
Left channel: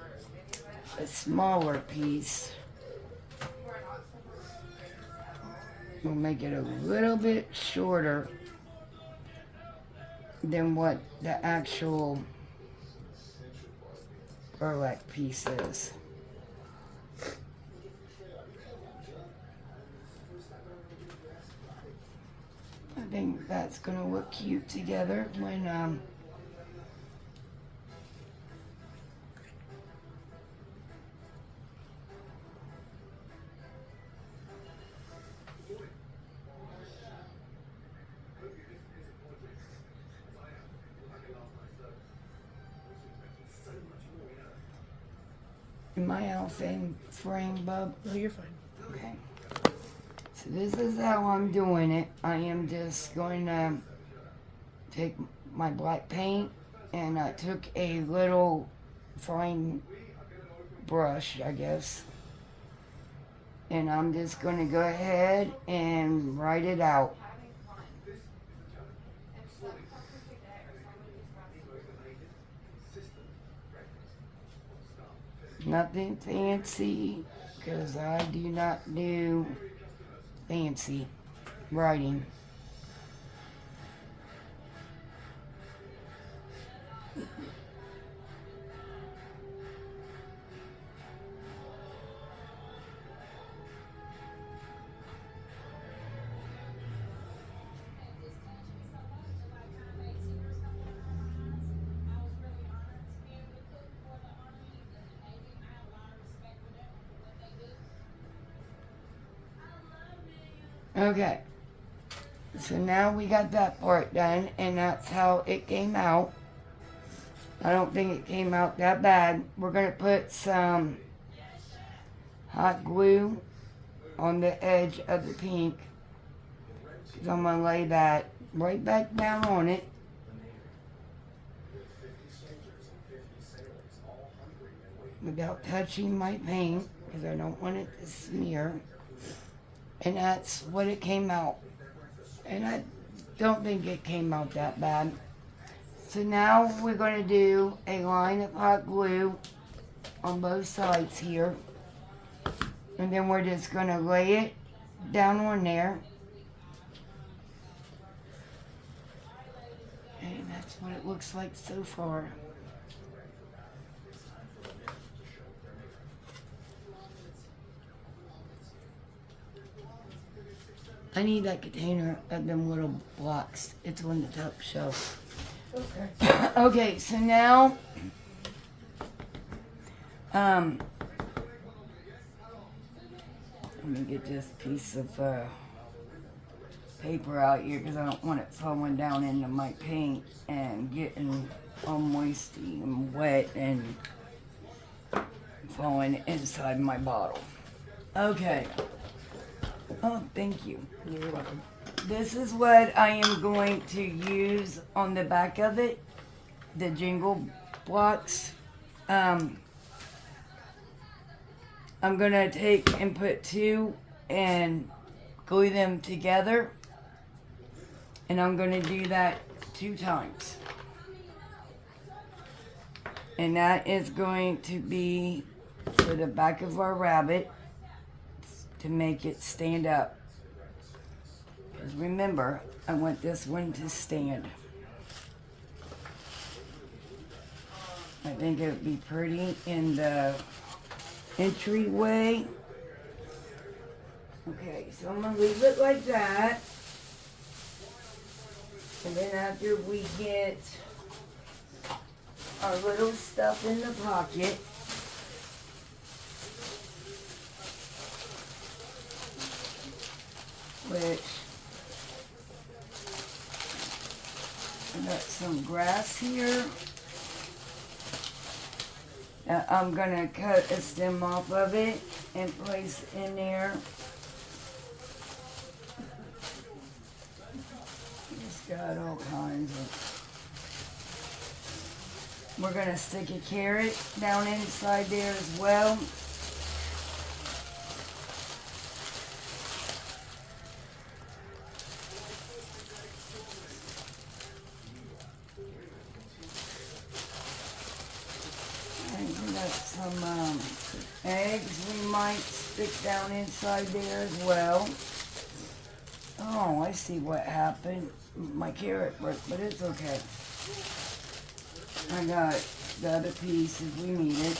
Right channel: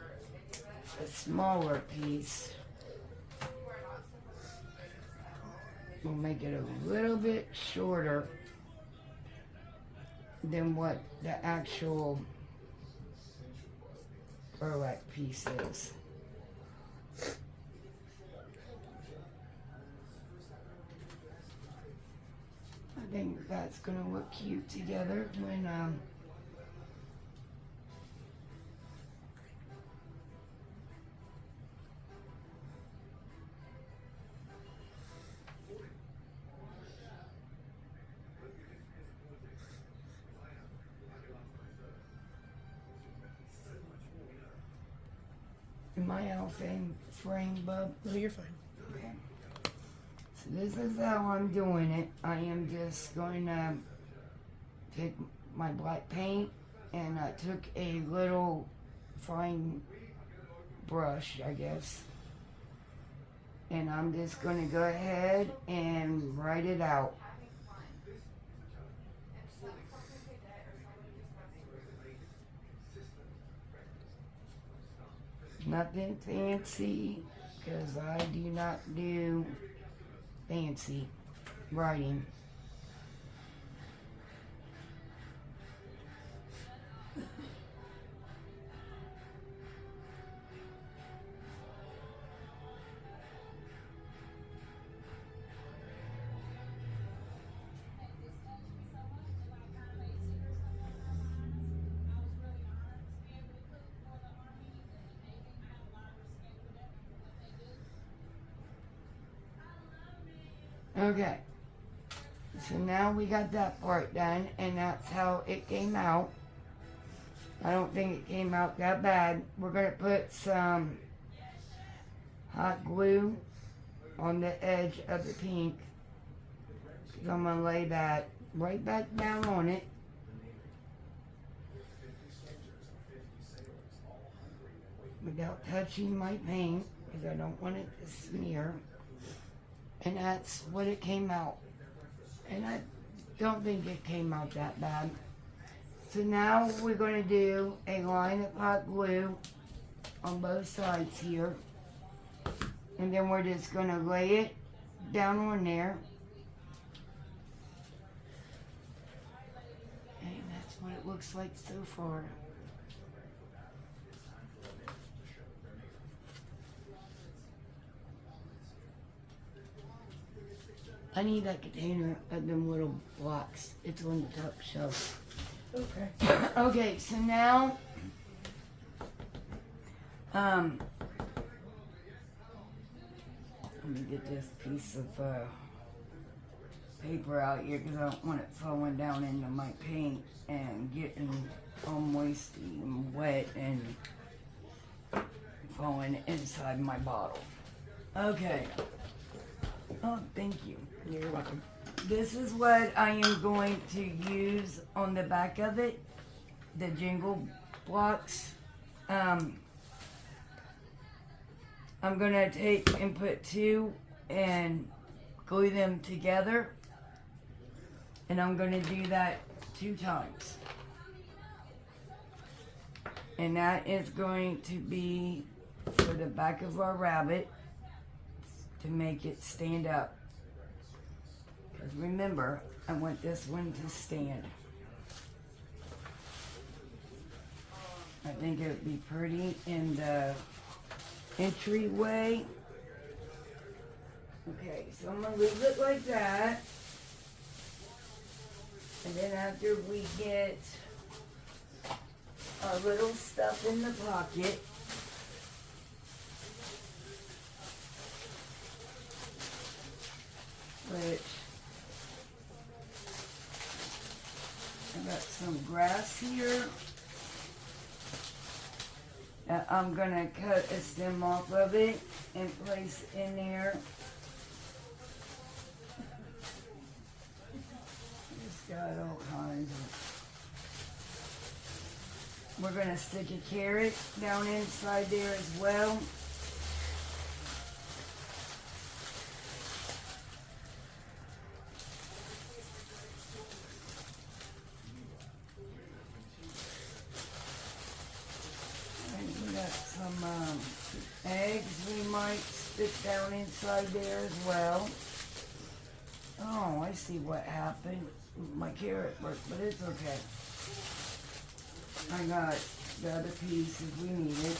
a smaller piece. We'll make it a little bit shorter than what the actual burlap piece is. I think that's gonna look cute together when Am I off in frame, bub? No, you're fine. Okay. So this is how I'm doing it. I am just going to take my black paint, and I took a little fine brush, I guess. And I'm just going to go ahead and write it out. Nothing fancy, because I do not do fancy writing. Okay, so now we got that part done, and that's how it came out. I don't think it came out that bad. We're going to put some hot glue on the edge of the pink, because I'm going to lay that right back down on it. Without touching my paint, because I don't want it to smear. And that's what it came out. And I don't think it came out that bad. So now we're going to do a line of hot glue on both sides here. And then we're just going to lay it down on there. And that's what it looks like so far. I need that container of them little blocks. It's on the top shelf. Okay. Okay, so now, let me get this piece of paper out here, because I don't want it falling down into my paint and getting all moisty and wet and falling inside my bottle. Okay. Oh, thank you. You're welcome. This is what I am going to use on the back of it, the jingle blocks. I'm going to take and put two and glue them together. And I'm going to do that 2 times. And that is going to be for the back of our rabbit to make it stand up. Because remember, I want this one to stand. I think it would be pretty in the entryway. Okay, so I'm going to leave it like that. And then after we get our little stuff in the pocket, which I got some grass here. Now I'm gonna cut a stem off of it and place in there. Just got all kinds of. We're gonna stick a carrot down inside there as well. Some eggs we might stick down inside there as well. Oh, I see what happened. My carrot broke, but it's okay. I got the other piece if we need it.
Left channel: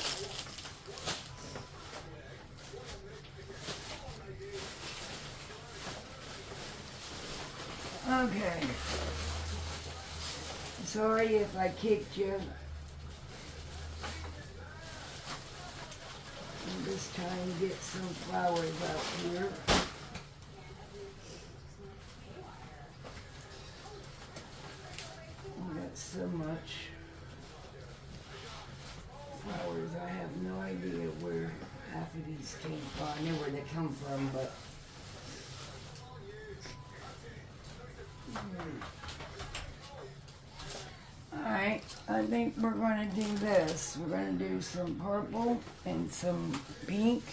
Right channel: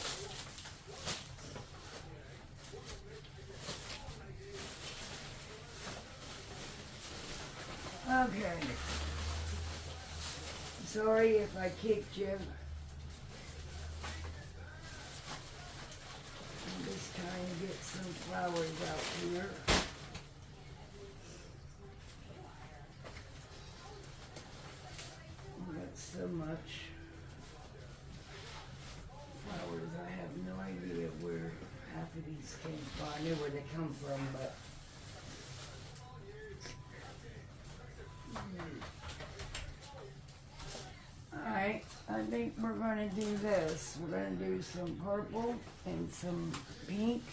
Okay. Sorry if I kicked you. I'm just trying to get some flowers out here. I got so much flowers, I have no idea where half of these these two. Well, I know where they come from, but. Alright, I think we're gonna do this. We're gonna do some purple and some pink.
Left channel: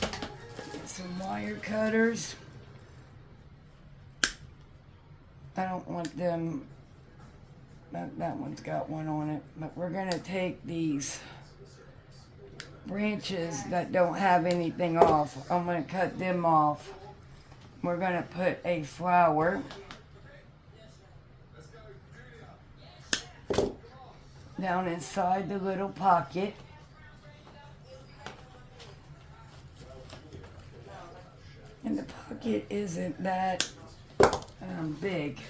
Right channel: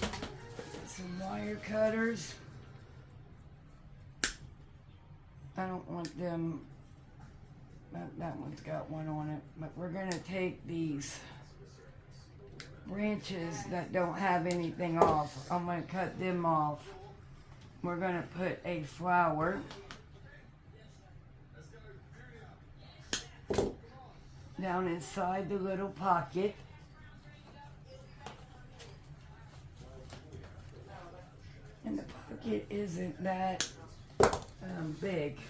Get some wire cutters. I don't want them, that one's got one on it, but we're gonna take these branches that don't have anything off. I'm gonna cut them off. We're gonna put a flower down inside the little pocket. And the pocket isn't that big,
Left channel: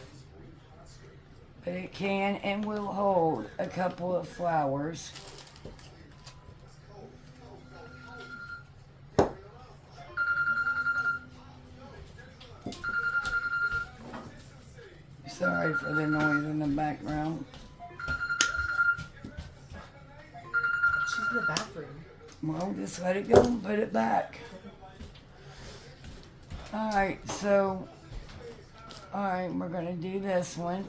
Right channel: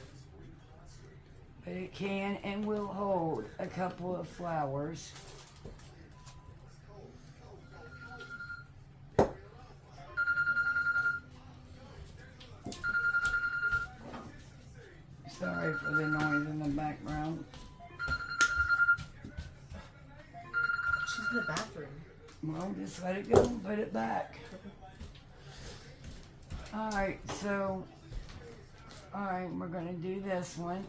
but it can and will hold a couple of flowers. Sorry for the noise in the background. She's in the bathroom. Well, just let it go and put it back. Alright, so, alright, we're going to do this one.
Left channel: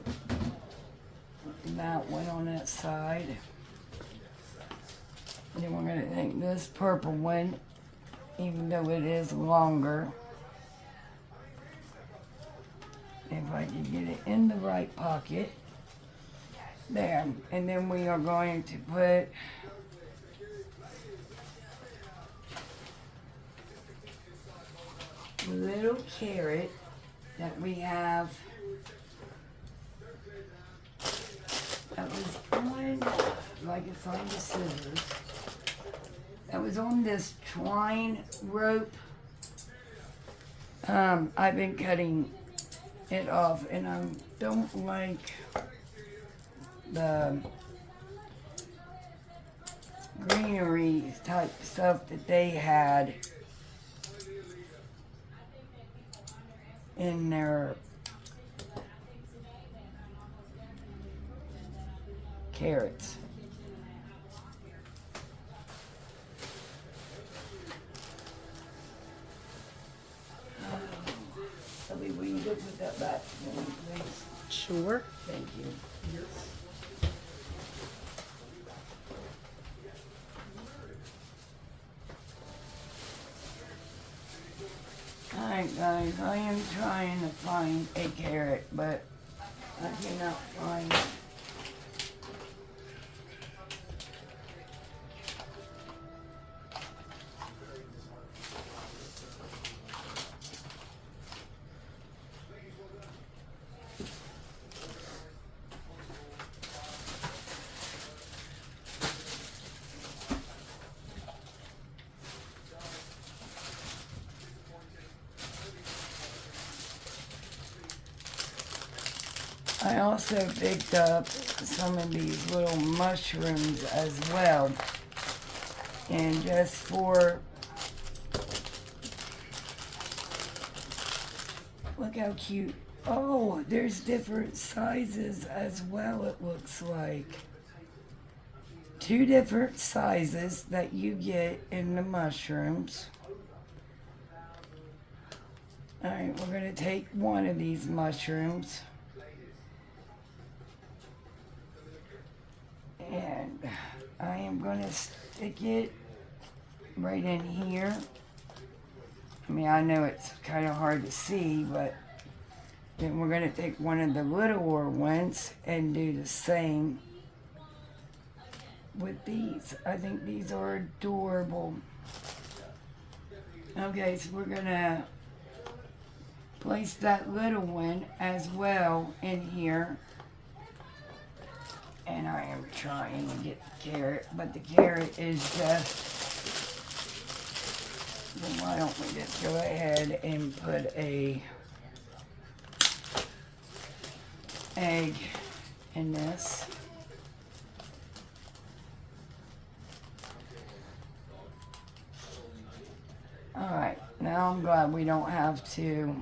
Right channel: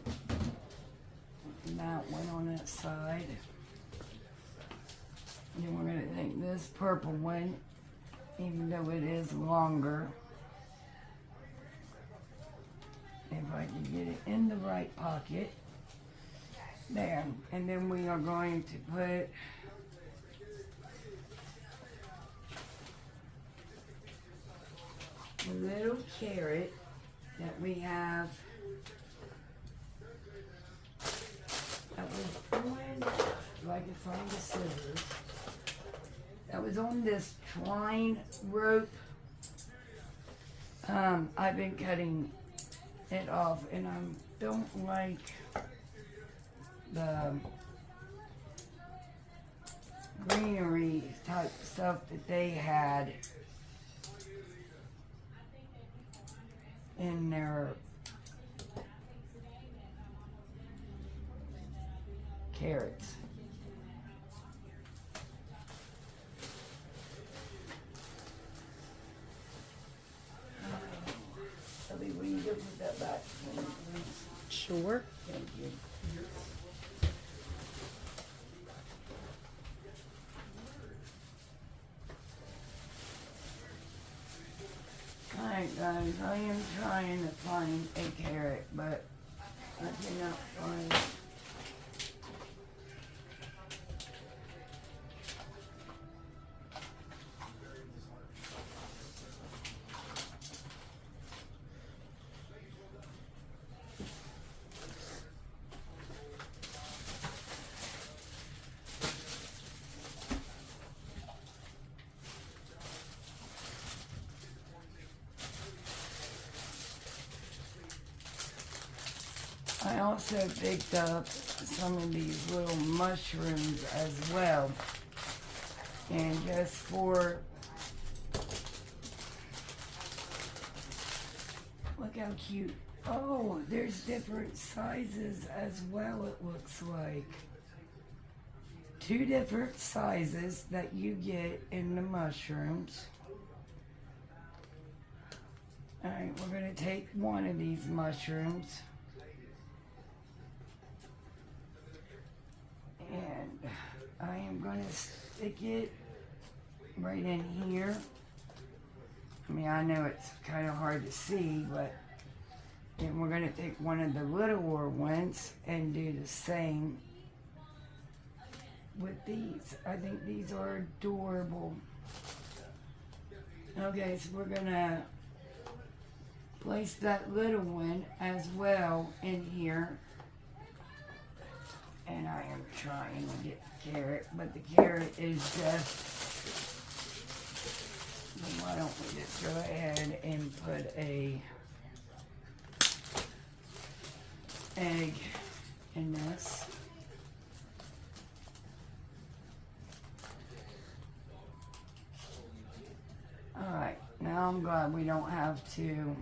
And that one on that side. Then we're going to take this purple one, even though it is longer. If I can get it in the right pocket. There. And then we are going to put a little carrot that we have. That was on, if I can find the scissors. That was on this twine rope. I've been cutting it off, and I don't like the greenery type stuff that they had in their carrots. Abby, will you go put that back for me, please? Sure. Thank you. Alright guys, I am trying to find a carrot, but I cannot find it. I also picked up some of these little mushrooms as well. And just for, look how cute. Oh, there's different sizes as well, it looks like. 2 different sizes that you get in the mushrooms. Alright, we're going to take one of these mushrooms. And I am going to stick it right in here. I mean, I know it's kind of hard to see, but then we're going to take one of the littler ones and do the same with these. I think these are adorable. Okay, so we're going to place that little one as well in here. And I am trying to get the carrot, but the carrot is just, then why don't we just go ahead and put a egg in this. Alright, now I'm glad we don't have to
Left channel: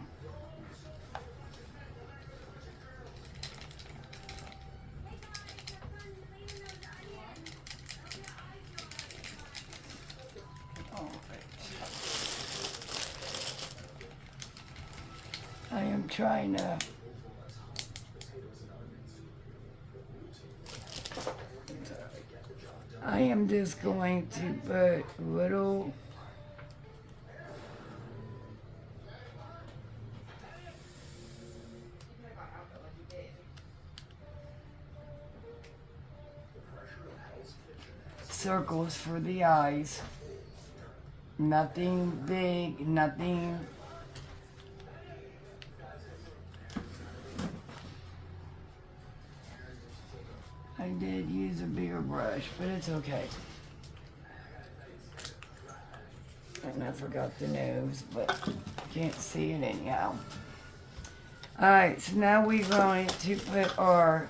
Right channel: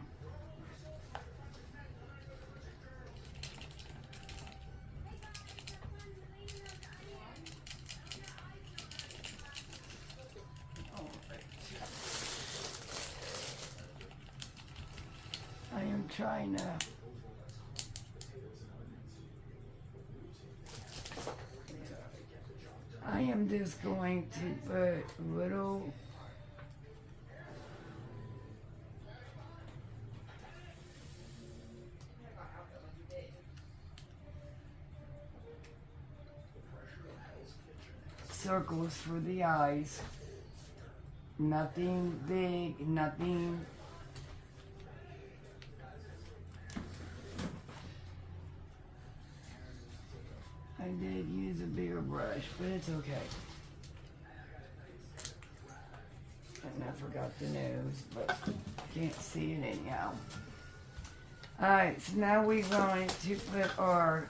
I am trying to I am just going to put little circles for the eyes. Nothing big, nothing. I did use a bigger brush, but it's okay. And I forgot the nose, but can't see it anyhow. Alright, so now we're going to put our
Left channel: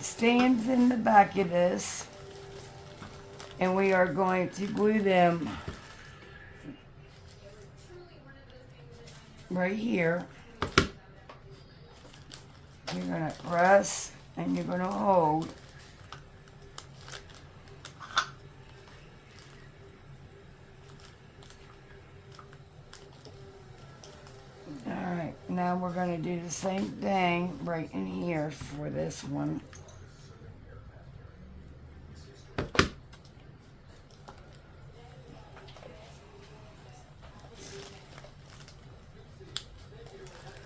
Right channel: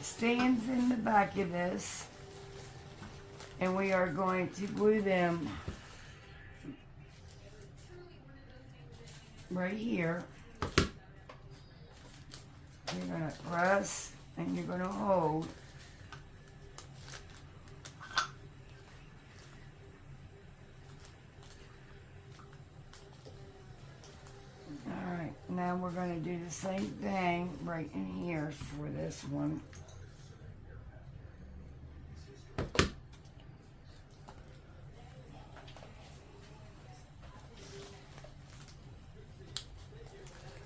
stands in the back of this, and we are going to glue them right here. You're going to press and you're going to hold. Alright, now we're going to do the same thing right in here for this one.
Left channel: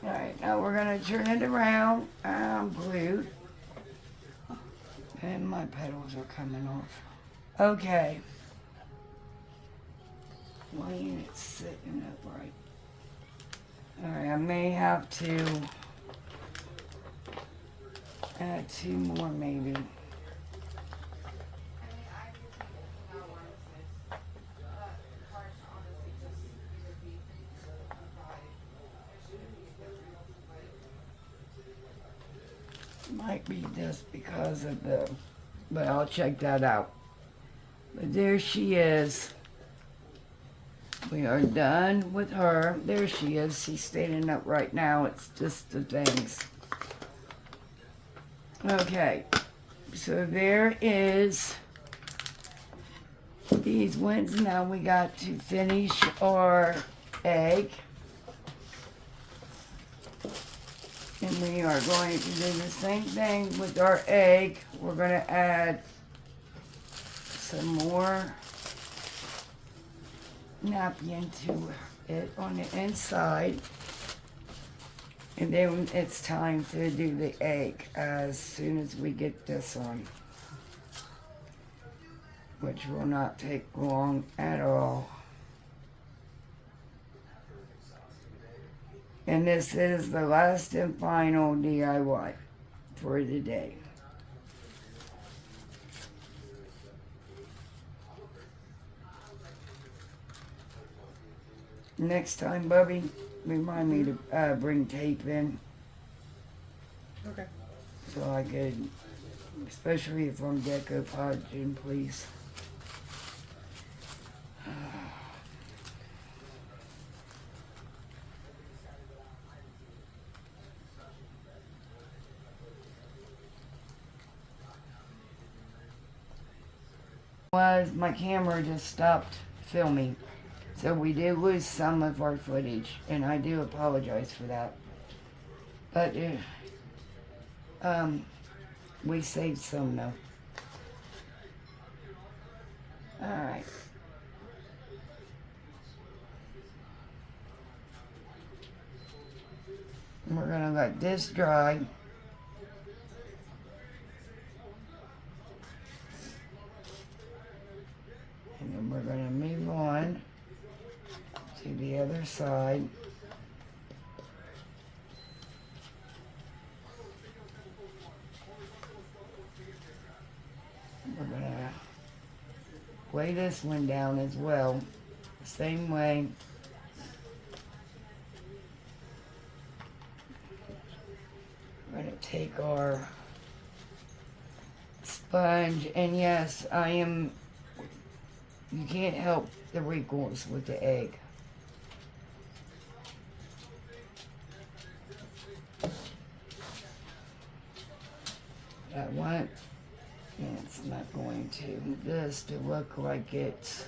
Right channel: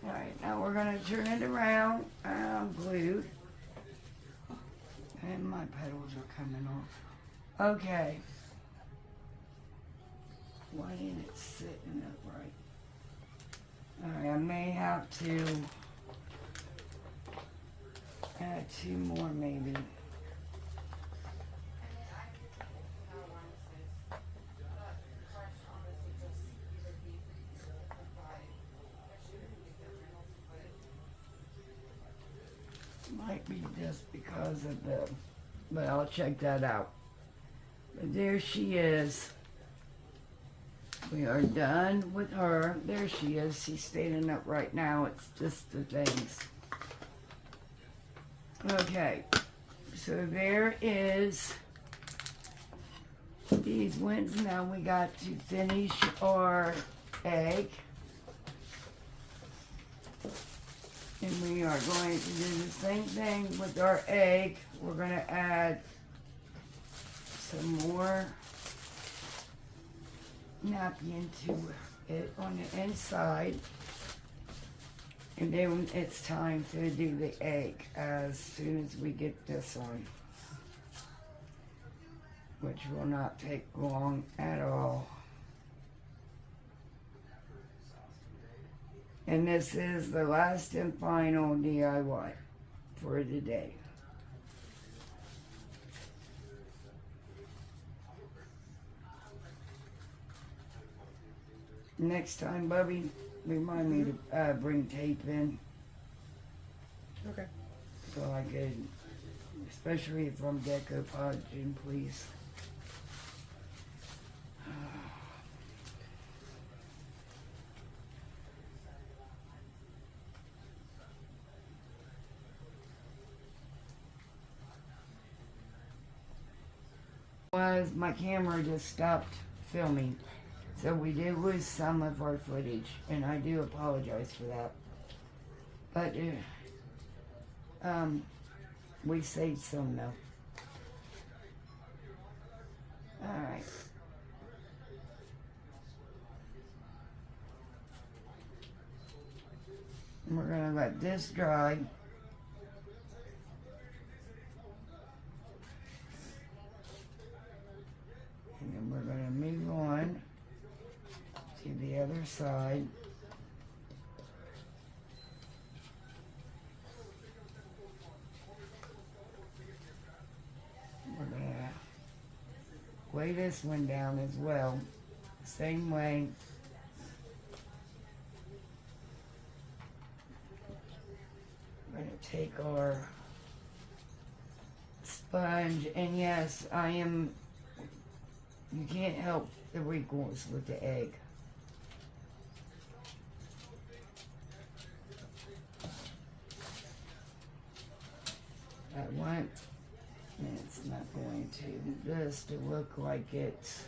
Alright, now we're going to turn it around. I'm glued. And my petals are coming off. Okay. Why ain't it sitting upright? Alright, I may have to add 2 more maybe. Might be just because of the, but I'll check that out. But there she is. We are done with her. There she is. She's standing up right now. It's just the things. Okay. So there is these ones. Now we got to finish our egg. And we are going to do the same thing with our egg. We're going to add some more napkin to it on the inside. And then it's time to do the egg as soon as we get this on, which will not take long at all. And this is the last and final DIY for the day. Next time, Bubby, remind me to bring tape in. Okay. So I could, especially from decoupaging, please. Was my camera just stopped filming, so we did lose some of our footage, and I do apologize for that, but we saved some though. Alright, we're gonna let this dry. And then we're going to move on to the other side. We're going to lay this one down as well, same way. We're going to take our sponge, and yes, you can't help the wrinkles with the egg. I want, and it's not going to, this to look like it's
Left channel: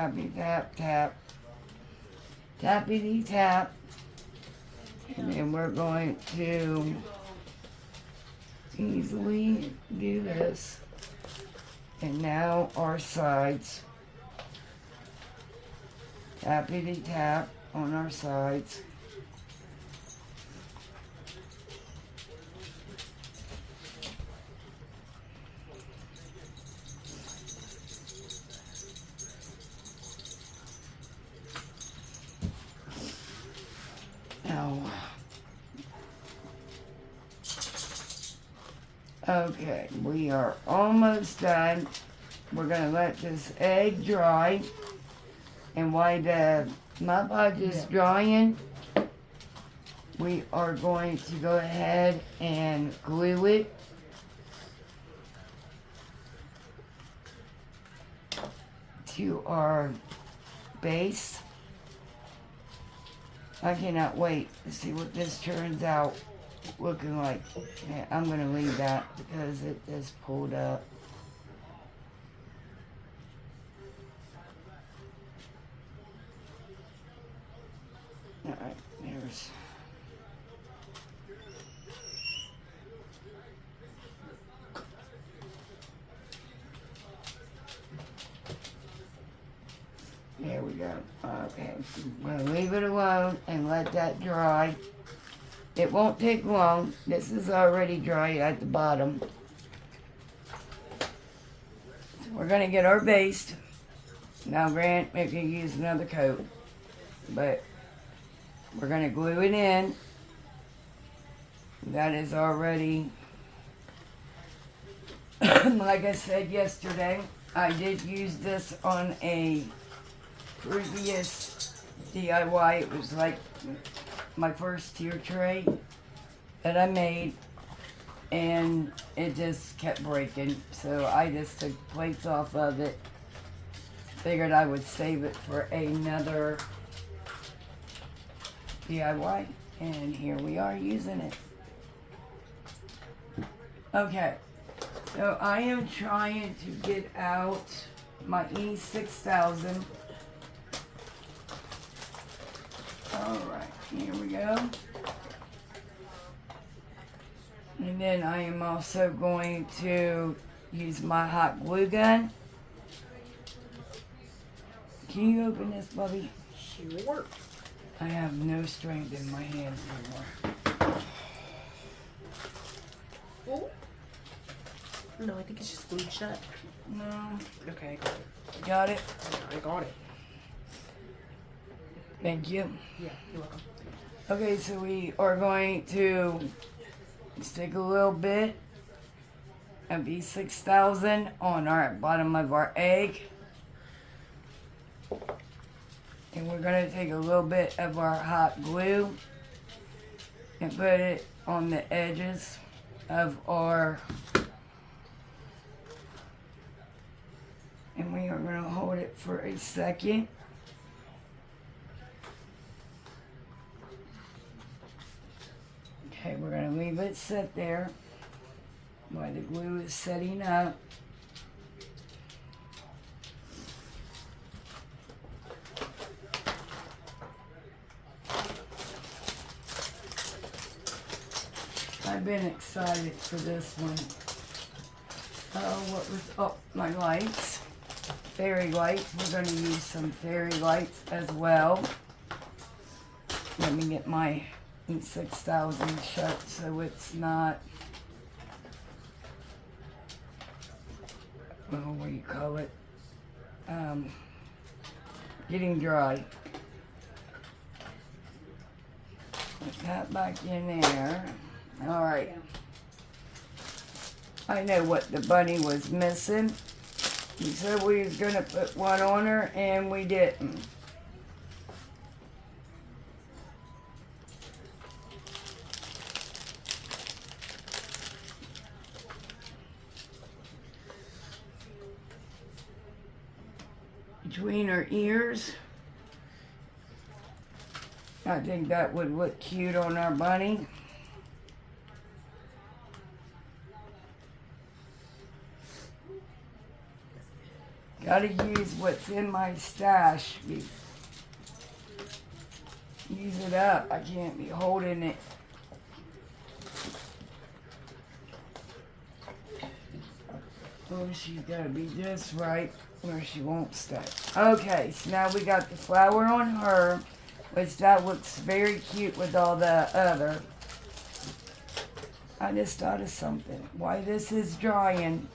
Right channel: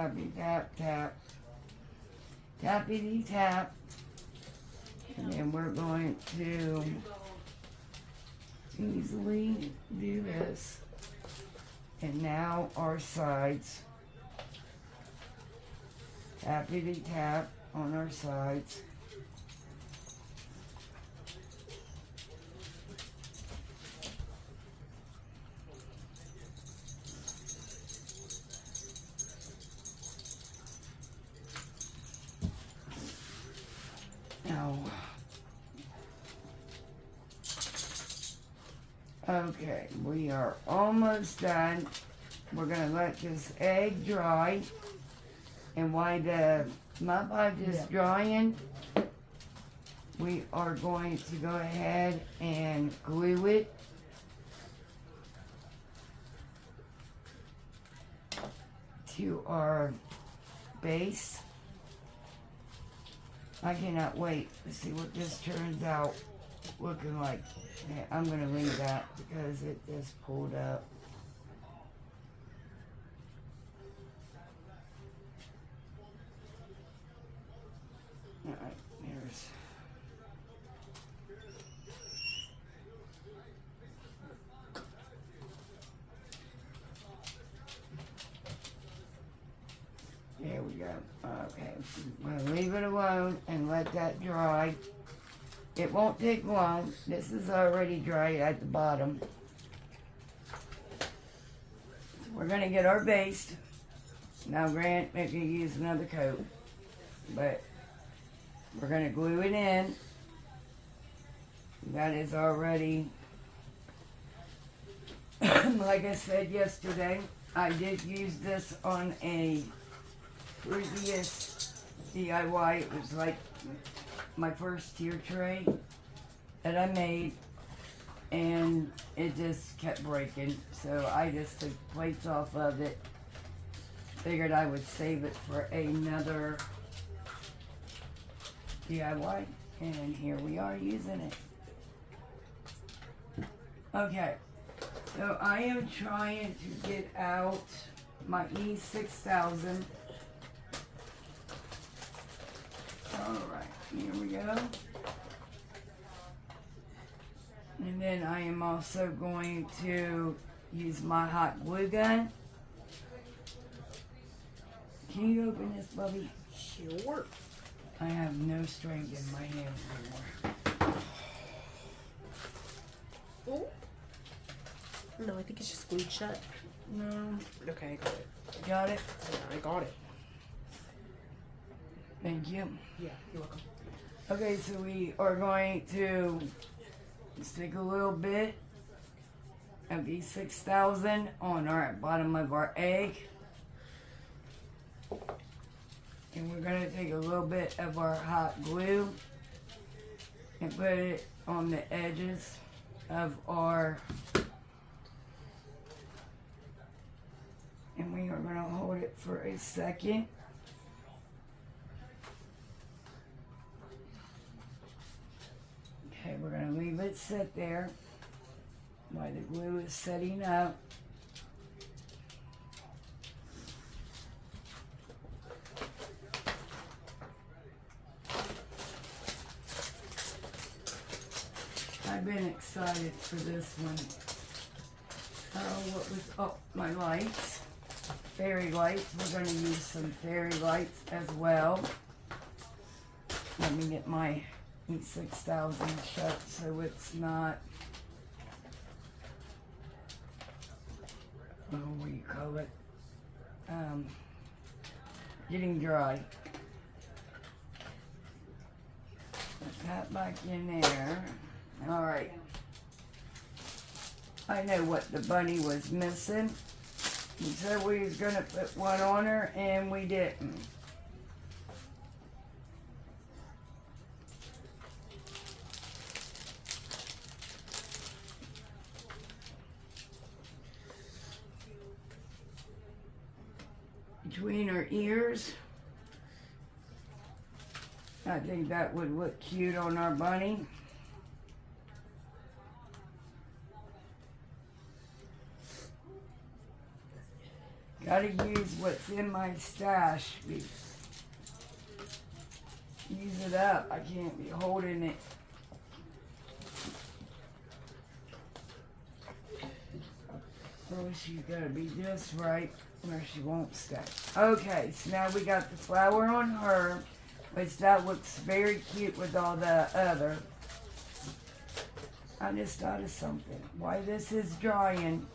tappy tap tap, tappity tap, and then we're going to easily do this. And now our sides, tappity tap on our sides. Okay, we are almost done. We're gonna let this egg dry, and while the Mod Podge is drying, we are going to go ahead and glue it to our base. I cannot wait to see what this turns out looking like. Yeah, I'm gonna leave that because it just pulled up. Alright, there's there we go. Okay, I'm gonna leave it alone and let that dry. It won't take long. This is already dry at the bottom. So we're gonna get our base. Now Grant, maybe use another coat, but we're gonna glue it in. That is already, like I said yesterday, I did use this on a previous DIY. It was like my first tier tray that I made, and it just kept breaking, so I just took plates off of it. Figured I would save it for another DIY, and here we are using it. Okay, so I am trying to get out my E6000. Alright, here we go. And then I am also going to use my hot glue gun. Can you open this, Bubby? Sure. I have no strength in my hands anymore. Oh. No, I think it's just glued shut. No. Okay, I got it. Got it? Yeah, I got it. Thank you. Yeah, you're welcome. Okay, so we are going to just take a little bit of E6000 on our bottom of our egg. And we're going to take a little bit of our hot glue and put it on the edges of our, and we are going to hold it for a second. Okay, we're going to leave it sit there while the glue is setting up. I've been excited for this one. Oh, what was, oh, my lights. Fairy lights. We're going to use some fairy lights as well. Let me get my E6000 shut so it's not, what do you call it, getting dry. Put that back in there. Alright. I know what the bunny was missing. He said we was gonna put one on her and we didn't. Between her ears. I think that would look cute on our bunny. Gotta use what's in my stash. Use it up. I can't be holding it. Oh, she's gotta be just right or she won't stay. Okay, so now we got the flower on her, which that looks very cute with all the other. I just thought of something. While this is drying,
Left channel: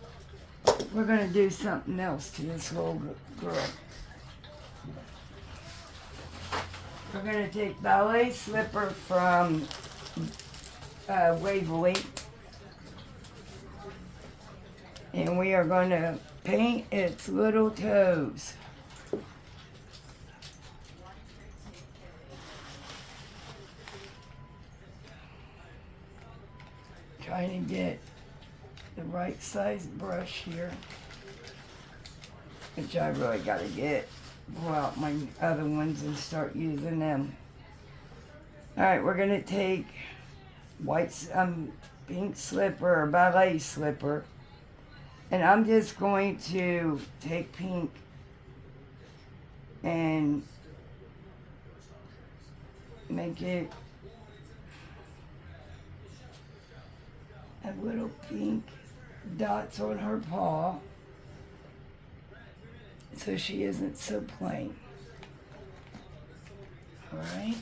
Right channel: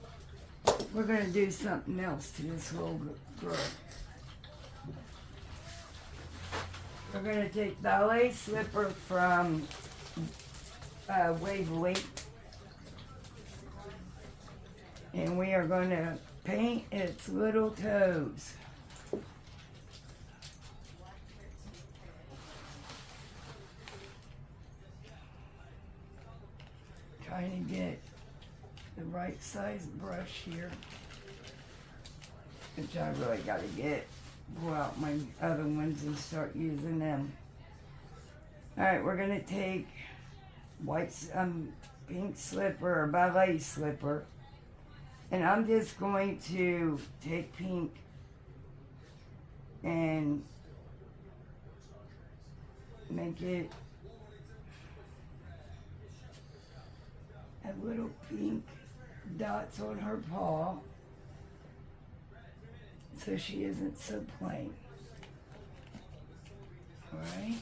we're gonna do something else to this little girl. We're gonna take ballet slipper from Waverly, and we are gonna paint its little toes. Trying to get the right size brush here, which I really gotta get. Pull out my other ones and start using them. Alright, we're gonna take pink slipper or ballet slipper, and I'm just going to take pink and make it a little pink dots on her paw, so she isn't so plain. Alright,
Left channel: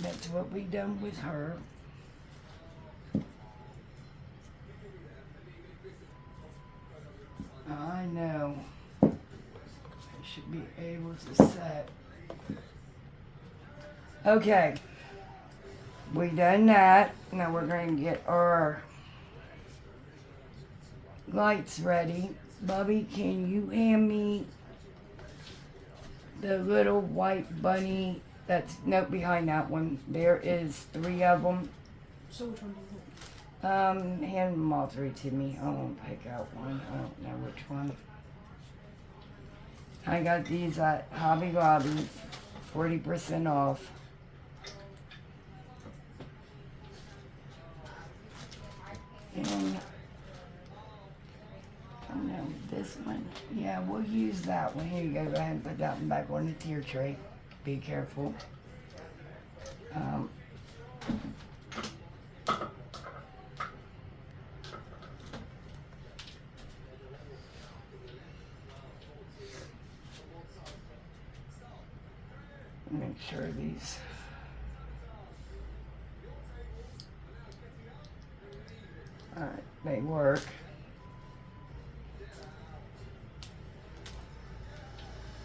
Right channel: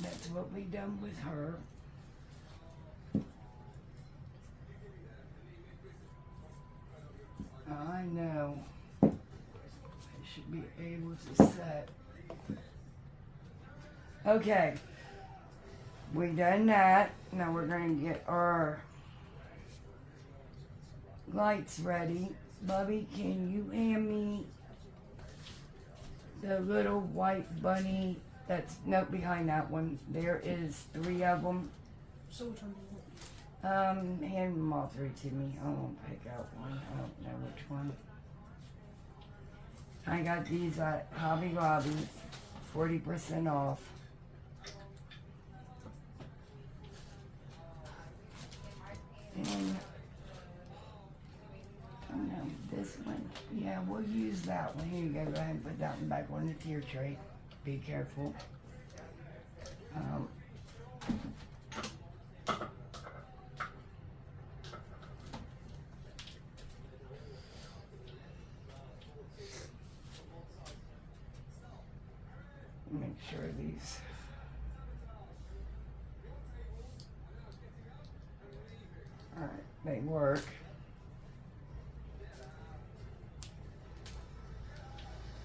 that's what we done with her. I know. I should be able to set. Okay, we done that. Now we're going to get our lights ready. Bubby, can you hand me the little white bunny that's behind that one? There is 3 of them. So which one do you want? Hand them all 3 to me. I won't pick out one. I don't know which one. I got these at Hobby Lobby, 40% off. And no, this one. Yeah, we'll use that one. Here you go. Go ahead and put that one back on the tier tray. Be careful. Make sure these. Alright, they work.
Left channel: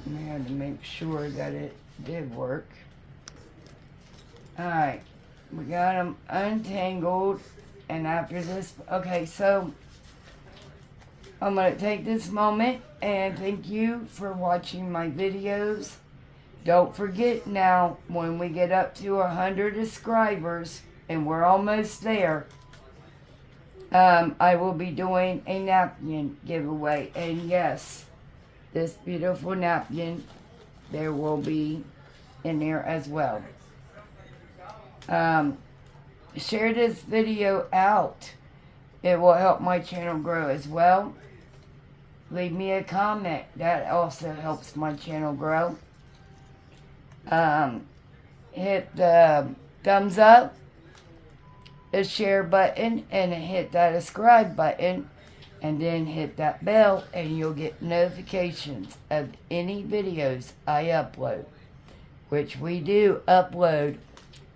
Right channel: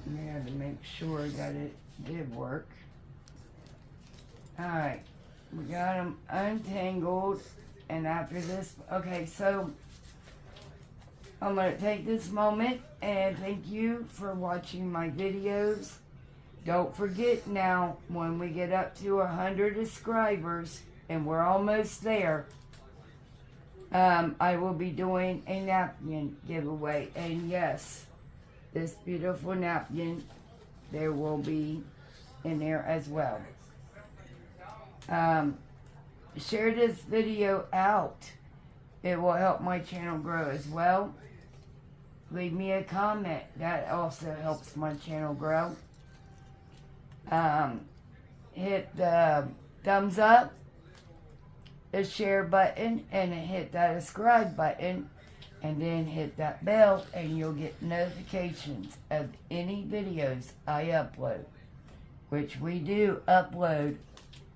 We had to make sure that it did work. Alright, we got them untangled, and after this, okay, so I'm going to take this moment and thank you for watching my videos. Don't forget now, when we get up to 100 subscribers, and we're almost there, I will be doing a napkin giveaway, and yes, this beautiful napkin, there will be in there as well. Share this video out. It will help my channel grow as well. Leave me a comment. That also helps my channel grow. Hit the thumbs up, the share button, and hit that subscribe button. And then hit that bell and you'll get notifications of any videos I upload. Which we do upload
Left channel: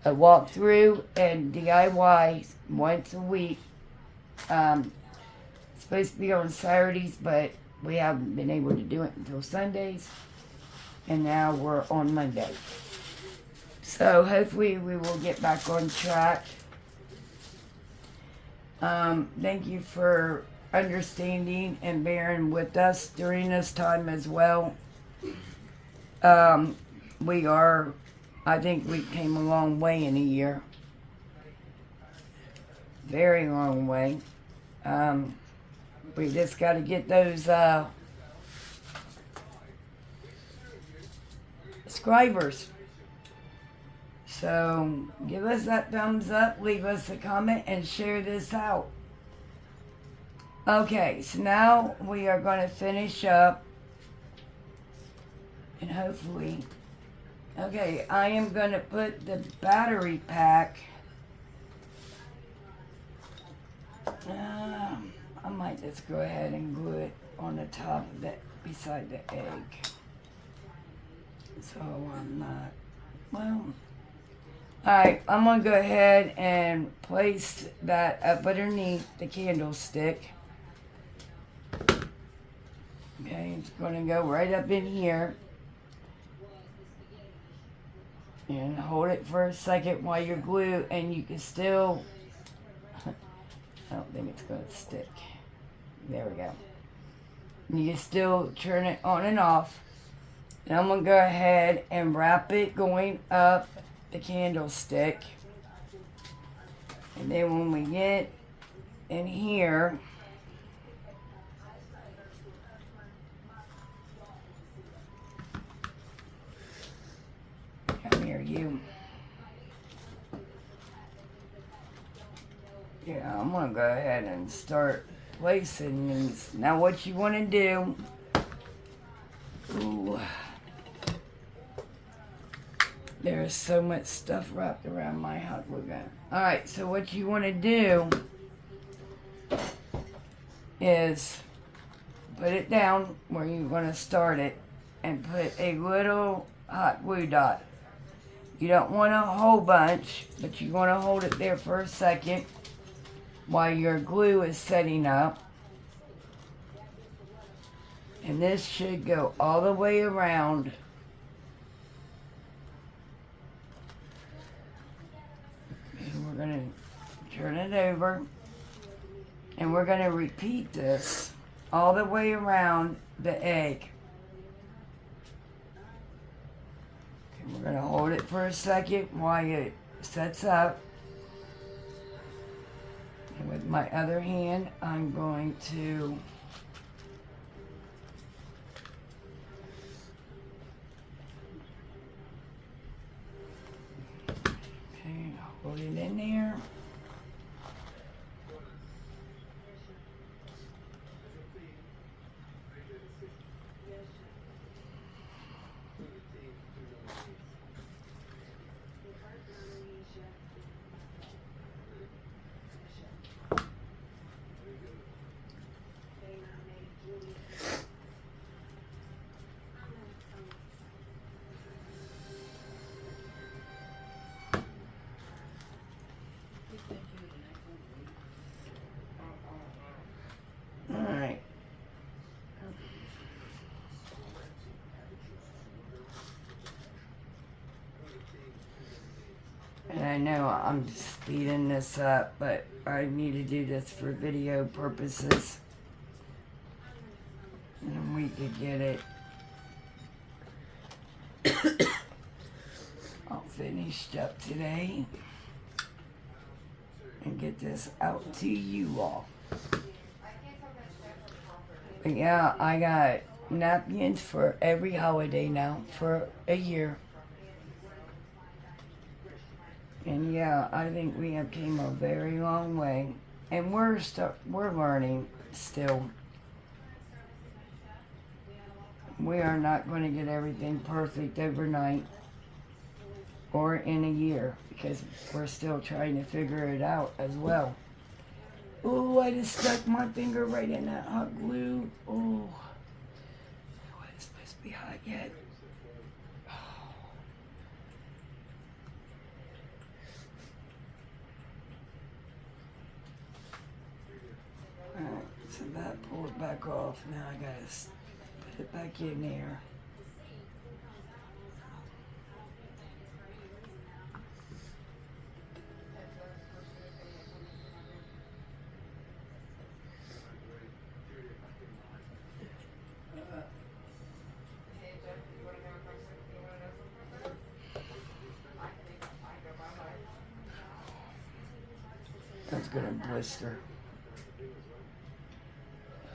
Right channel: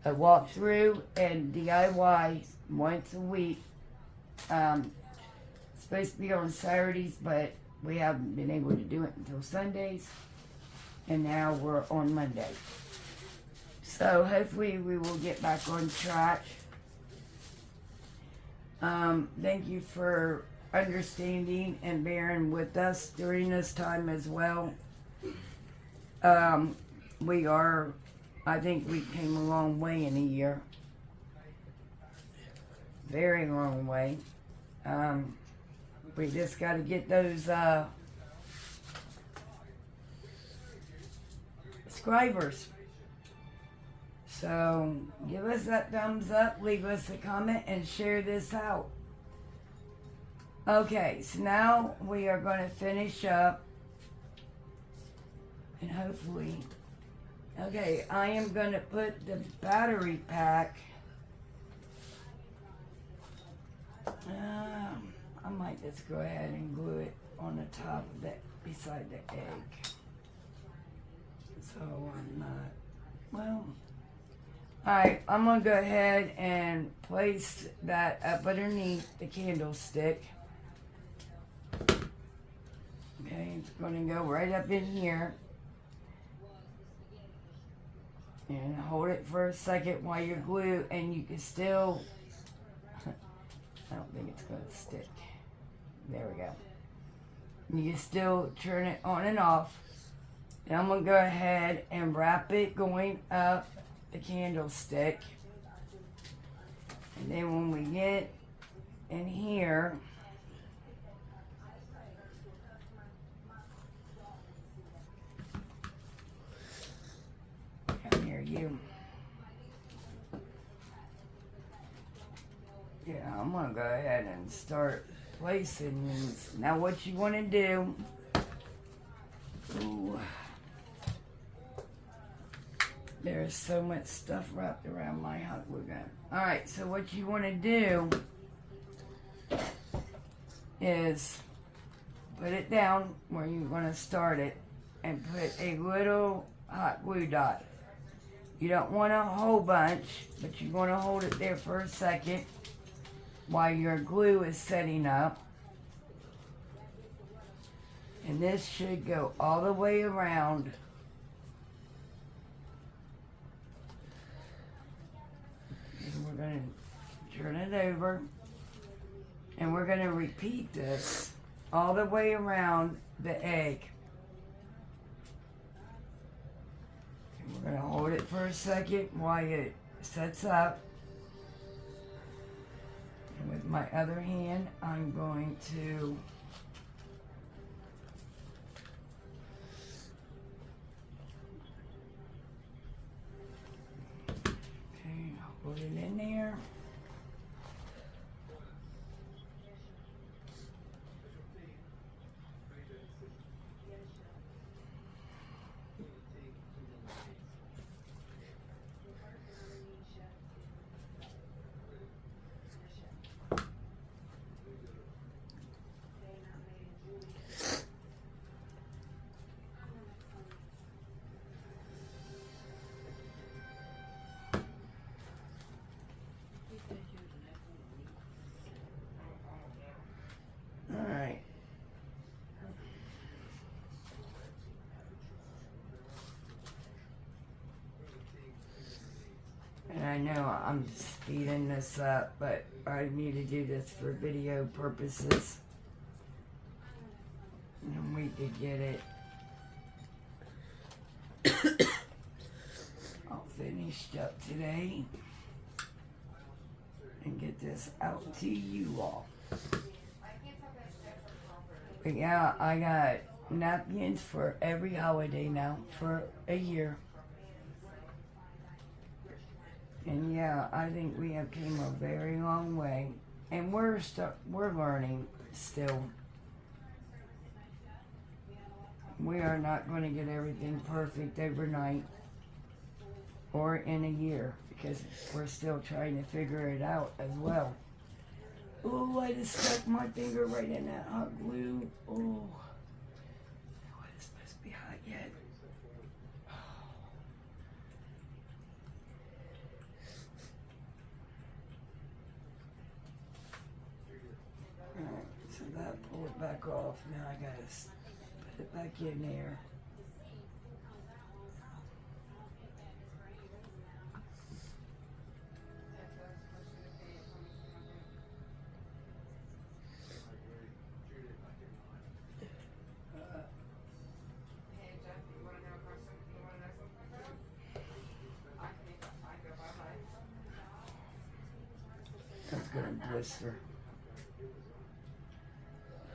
a walkthrough and DIYs once a week. It's supposed to be on Saturdays, but we haven't been able to do it until Sundays. And now we're on Monday. So hopefully we will get back on track. Thank you for understanding and bearing with us during this time as well. I think we came a long way in a year. Very long way. We just got to get those subscribers. So give us that thumbs up, leave us a comment, and share this out. Okay, so now we are going to finish up And hopefully, okay, I am gonna put the battery pack. I might just go ahead and glue it on the top of that, beside the egg. So I'm not, well, alright, I'm gonna go ahead and place that up underneath the candlestick. Okay, it's gonna go right up in here. And hold it for a second while you're glue, and you can still, I don't think it's gonna stick. There we go. You can still turn it on and off. And I'm gonna go ahead and wrap it going up the candlestick. And then when we get in here, come here, you. Yeah, I'm gonna go ahead and start placing these. Now what you wanna do, ooh, there's so much stuff wrapped around my hot glue gun. Alright, so what you wanna do is put it down where you're gonna start it and put a little hot glue dot. You don't want a whole bunch, but you want to hold it there for a second while your glue is setting up. And this should go all the way around. And we're going to turn it over. And we're going to repeat this all the way around the egg. Okay, we're going to hold it for a second while it sets up. And with my other hand, I'm going to hold it in there. Alright. And I know I'm speeding this up, but I need to do this for video purposes. And we could get it all finished up today. And get this out to you all. But yeah, I got napkins for every holiday now for a year. And yeah, I think we have came a very long way, and we're learning still. We are not going to get everything perfect overnight or in a year, because we're still trying to figure it out as well. Oh, I just stuck my finger right in that hot glue. Oh, it's supposed to be hot yet. Alright, so that pull it back off. Now I gotta put it back in there. That's gonna blister.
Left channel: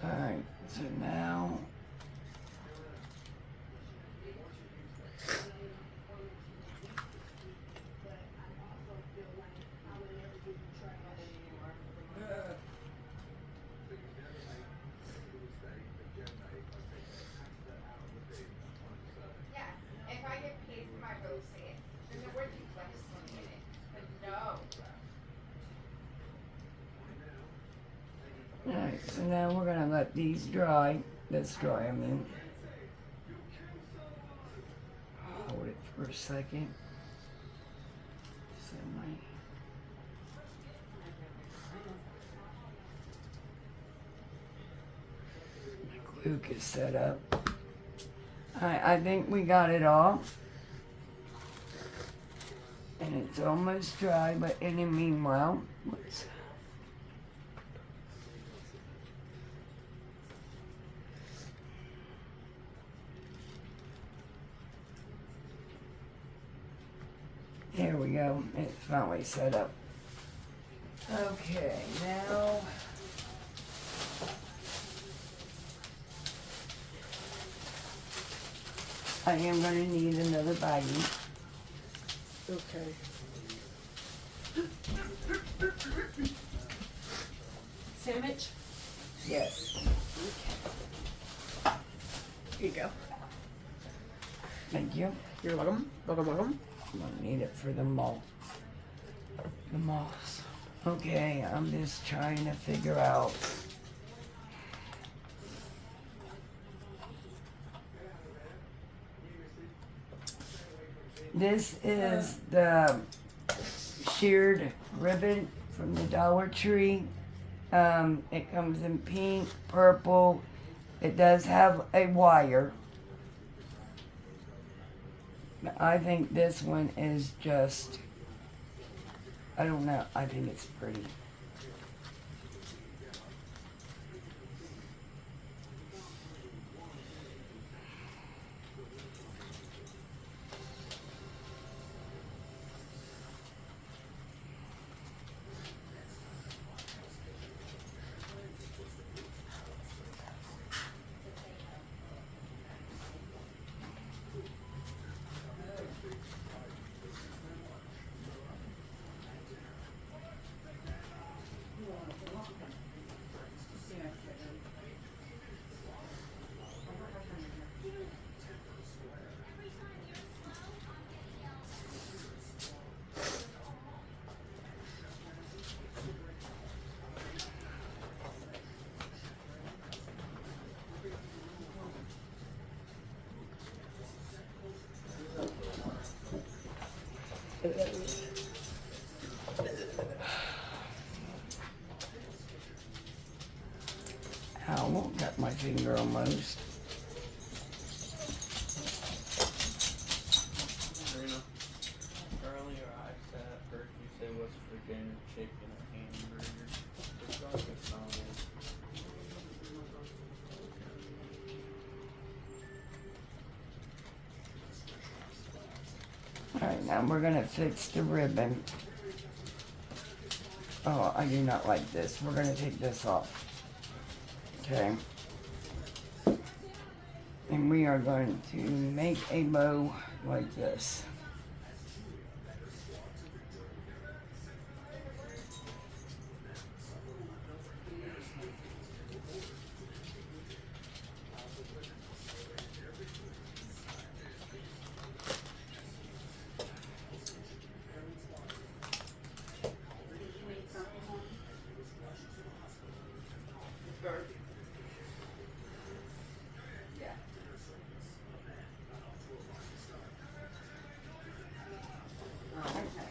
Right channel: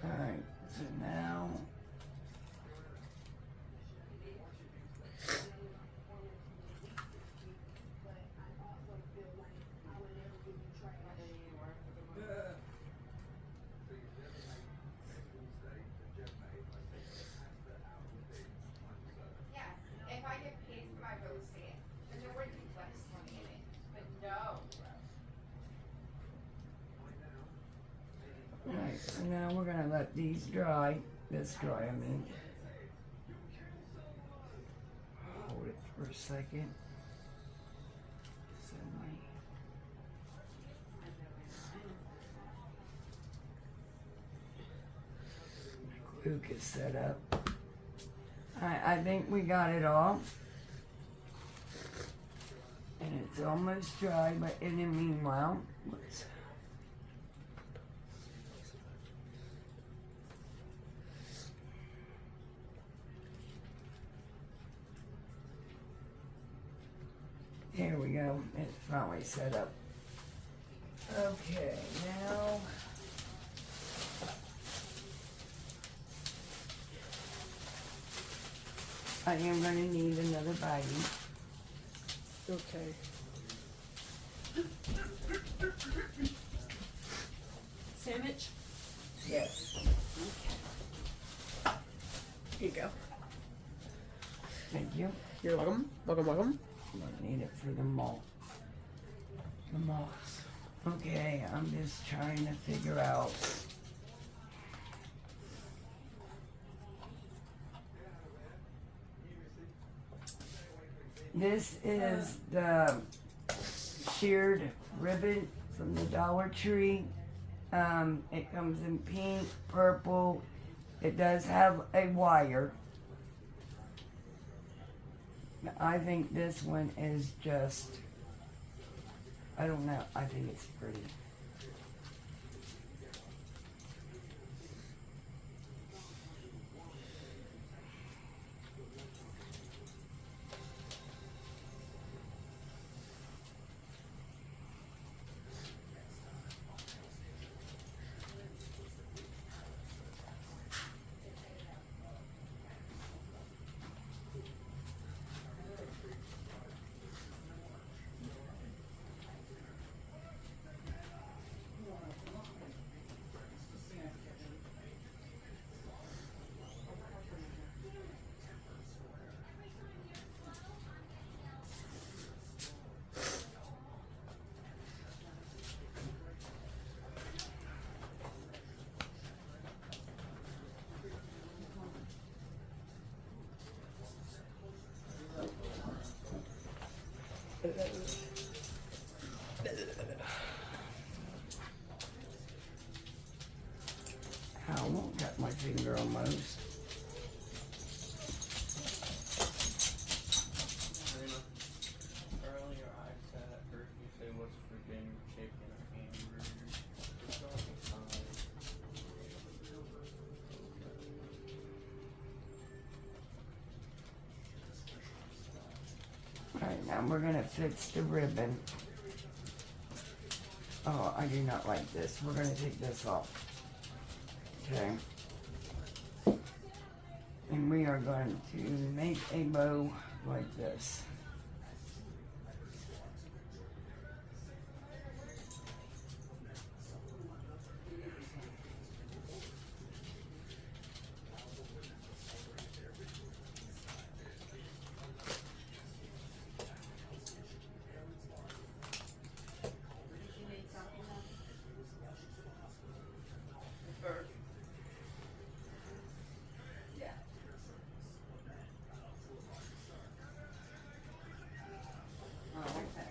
Alright, so now Alright, so now we're gonna let these dry. This dry, I mean. Hold it for a second. So my glue is set up. I think we got it all. And it's almost dry, but in the meanwhile, there we go. It's finally set up. Okay, now I am going to need another baggie. Okay. Sandwich? Yes. Here you go. Thank you. You're welcome. Welcome, welcome. I need it for the moss. The moss. Okay, I'm just trying to figure out. This is the sheared ribbon from the Dollar Tree. It comes in pink, purple. It does have a wire. I think this one is just, I don't know, I think it's pretty. Ow, got my finger almost. Earlier I heard you say what's for dinner, chicken or hamburger. It's like a combo. Alright, now we're gonna fix the ribbon. Oh, I do not like this. We're gonna take this off. Okay. And we are going to make a bow like this.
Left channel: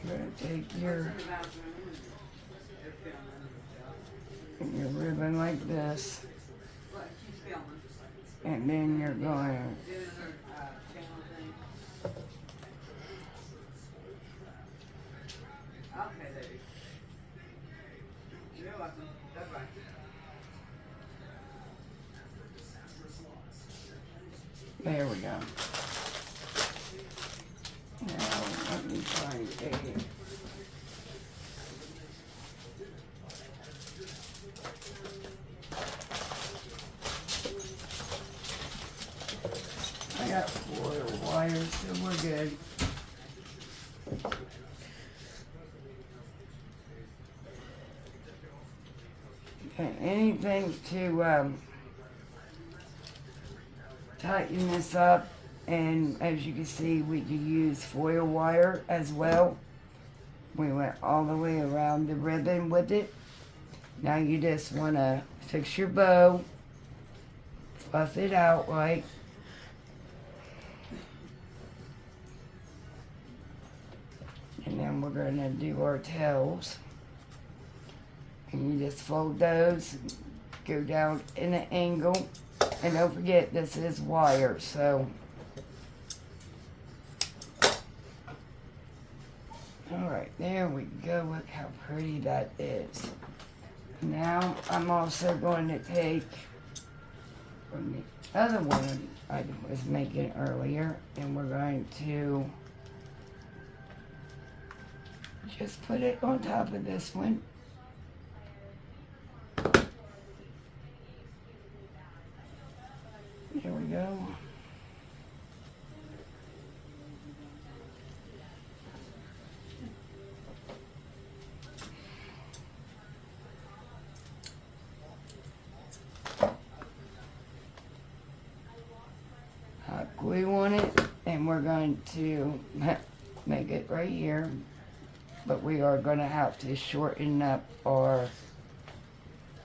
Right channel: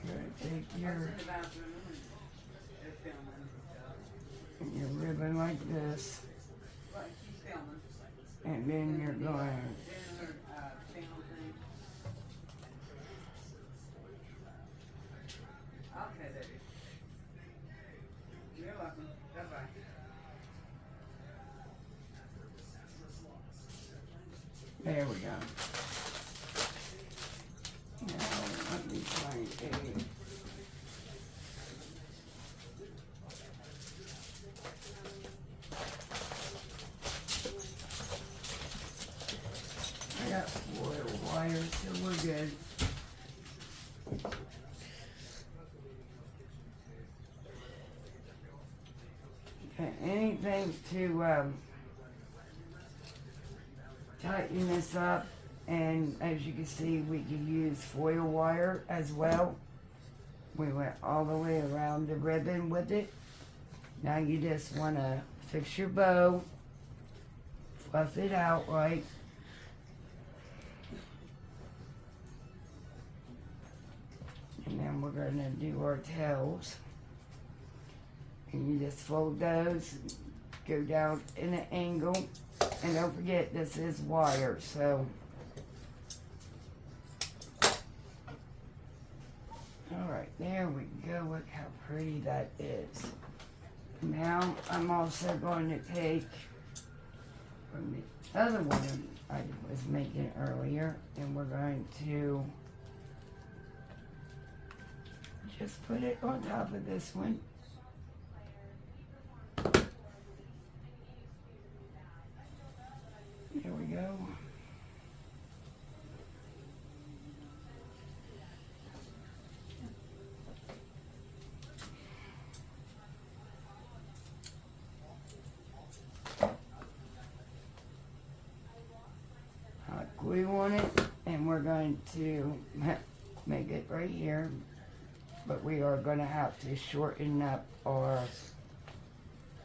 You're gonna take your ribbon like this, and then you're going there we go. Now let me find a I got 4 little wires, so we're good. Okay, anything to tighten this up, And as you can see, we can use foil wire as well. We went all the way around the ribbon with it. Now you just want to fix your bow, fluff it out right. And then we're going to do our tails. And you just fold those, go down in an angle. And don't forget, this is wire, so. Alright, there we go. Look how pretty that is. Now, I'm also going to take from the other one I was making earlier, and we're going to just put it on top of this one. There we go. Hot glue on it, and we're going to make it right here, but we are going to have to shorten up our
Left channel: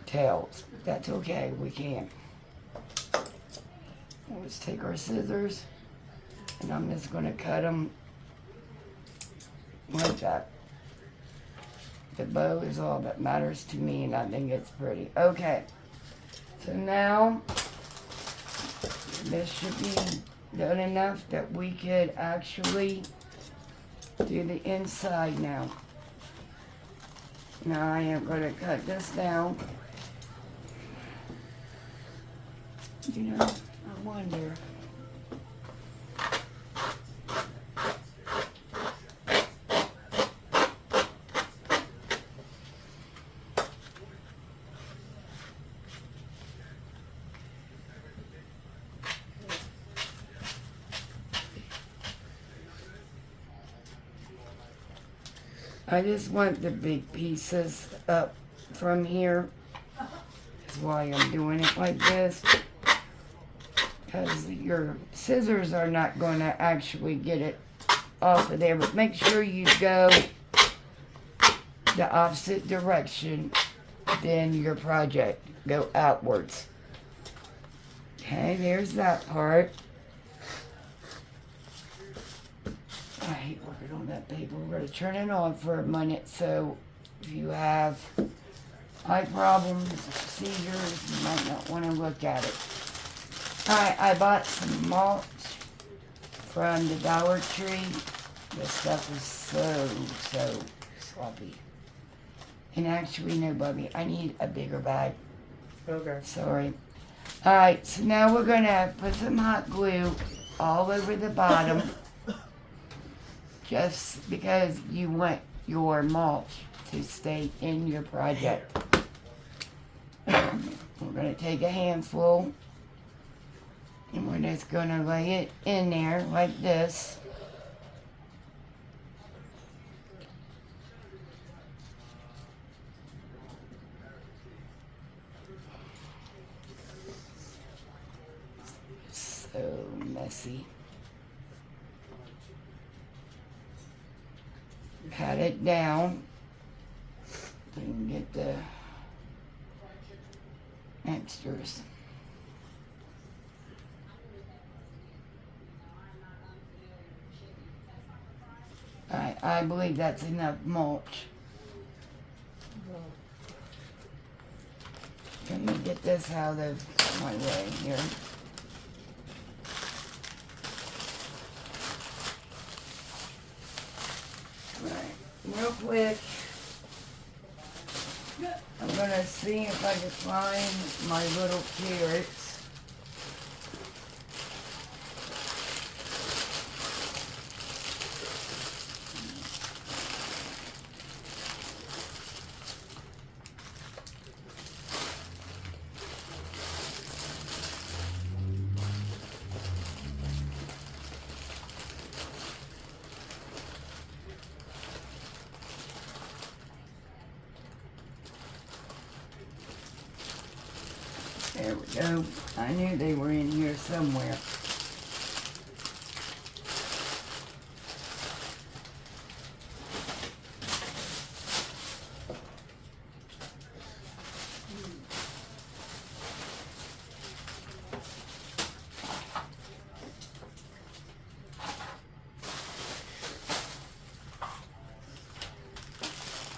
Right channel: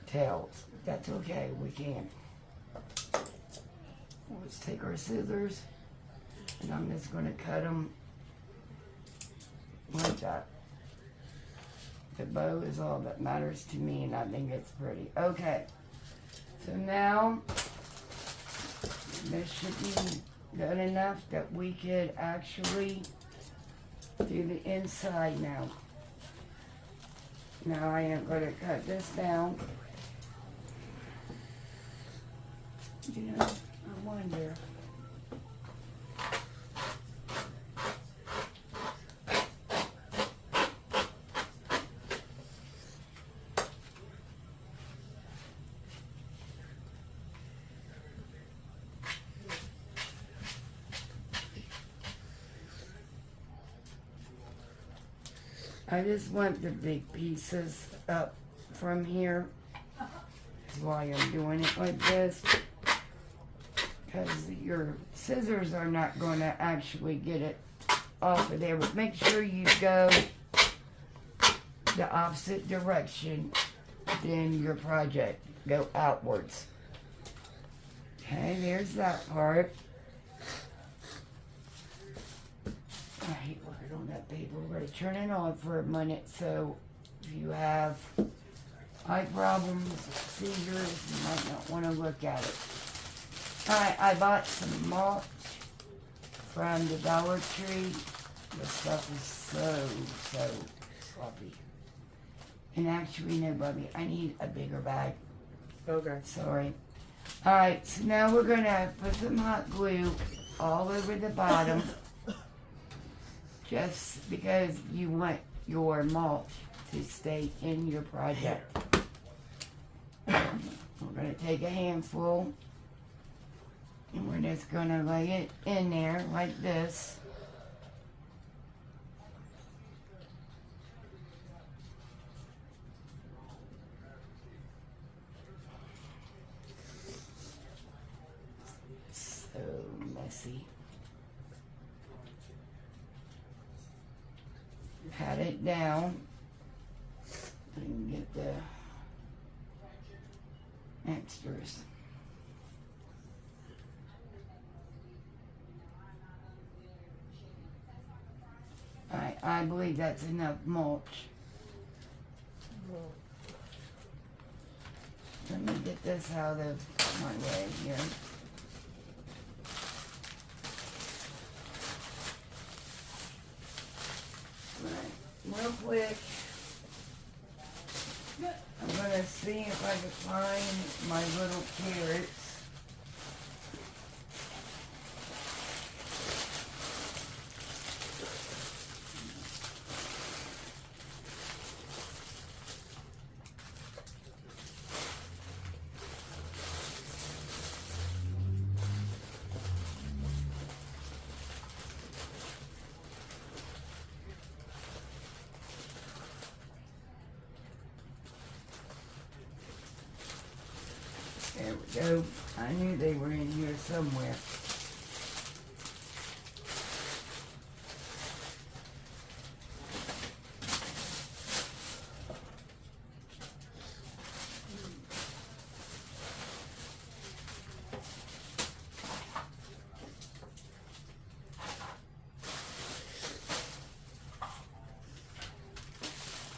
tails. That's okay, we can. Let's take our scissors, and I'm just going to cut them like that. The bow is all that matters to me, and I think it's pretty. Okay, so now this should be done enough that we could actually do the inside now. Now I am going to cut this down. You know, I wonder. I just want the big pieces up from here. That's why I'm doing it like this. Because your scissors are not going to actually get it off of there. But make sure you go the opposite direction than your project. Go outwards. Okay, there's that part. I hate working on that paper. We're going to turn it on for a minute, so if you have eye problems, seizures, you might not want to look at it. Alright, I bought some mulch from the Dollar Tree. This stuff is so sloppy. And actually, no, Bubby, I need a bigger bag. Okay. Sorry. Alright, so now we're going to put some hot glue all over the bottom. Just because you want your mulch to stay in your project. We're going to take a handful and we're just going to lay it in there like this. So messy. Pat it down. You can get the extras. Alright, I believe that's enough mulch. Let me get this out of my way here. Right, real quick, I'm gonna see if I can find my little carrots. There we go. I knew they were in here somewhere.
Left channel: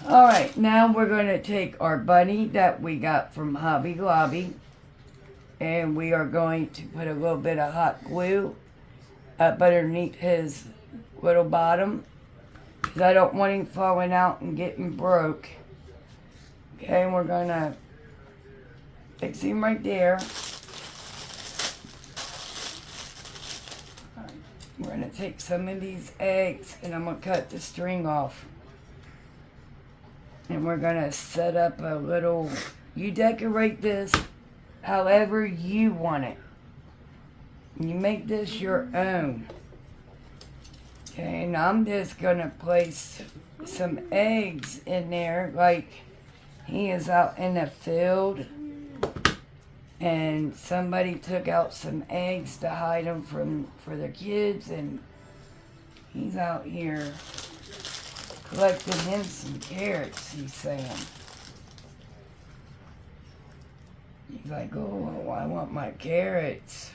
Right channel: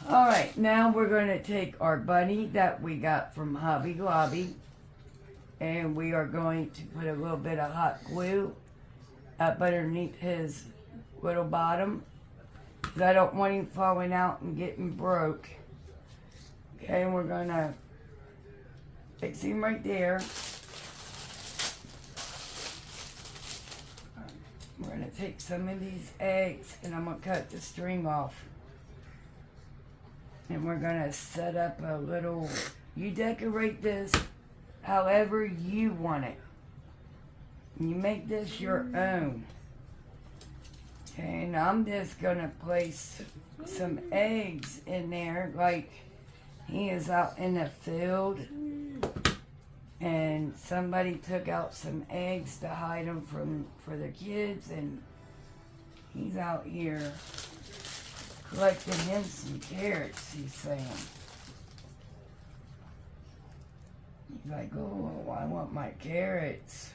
Alright, now we're going to take our bunny that we got from Hobby Lobby, and we are going to put a little bit of hot glue up underneath his little bottom, because I don't want him falling out and getting broke. Okay, and we're going to fix him right there. We're going to take some of these eggs and I'm going to cut the string off. And we're going to set up a little, you decorate this however you want it. You make this your own. Okay, and I'm just going to place some eggs in there, like he is out in the field and somebody took out some eggs to hide them for the kids, and he's out here collecting him some carrots, he's saying. He's like, oh, I want my carrots.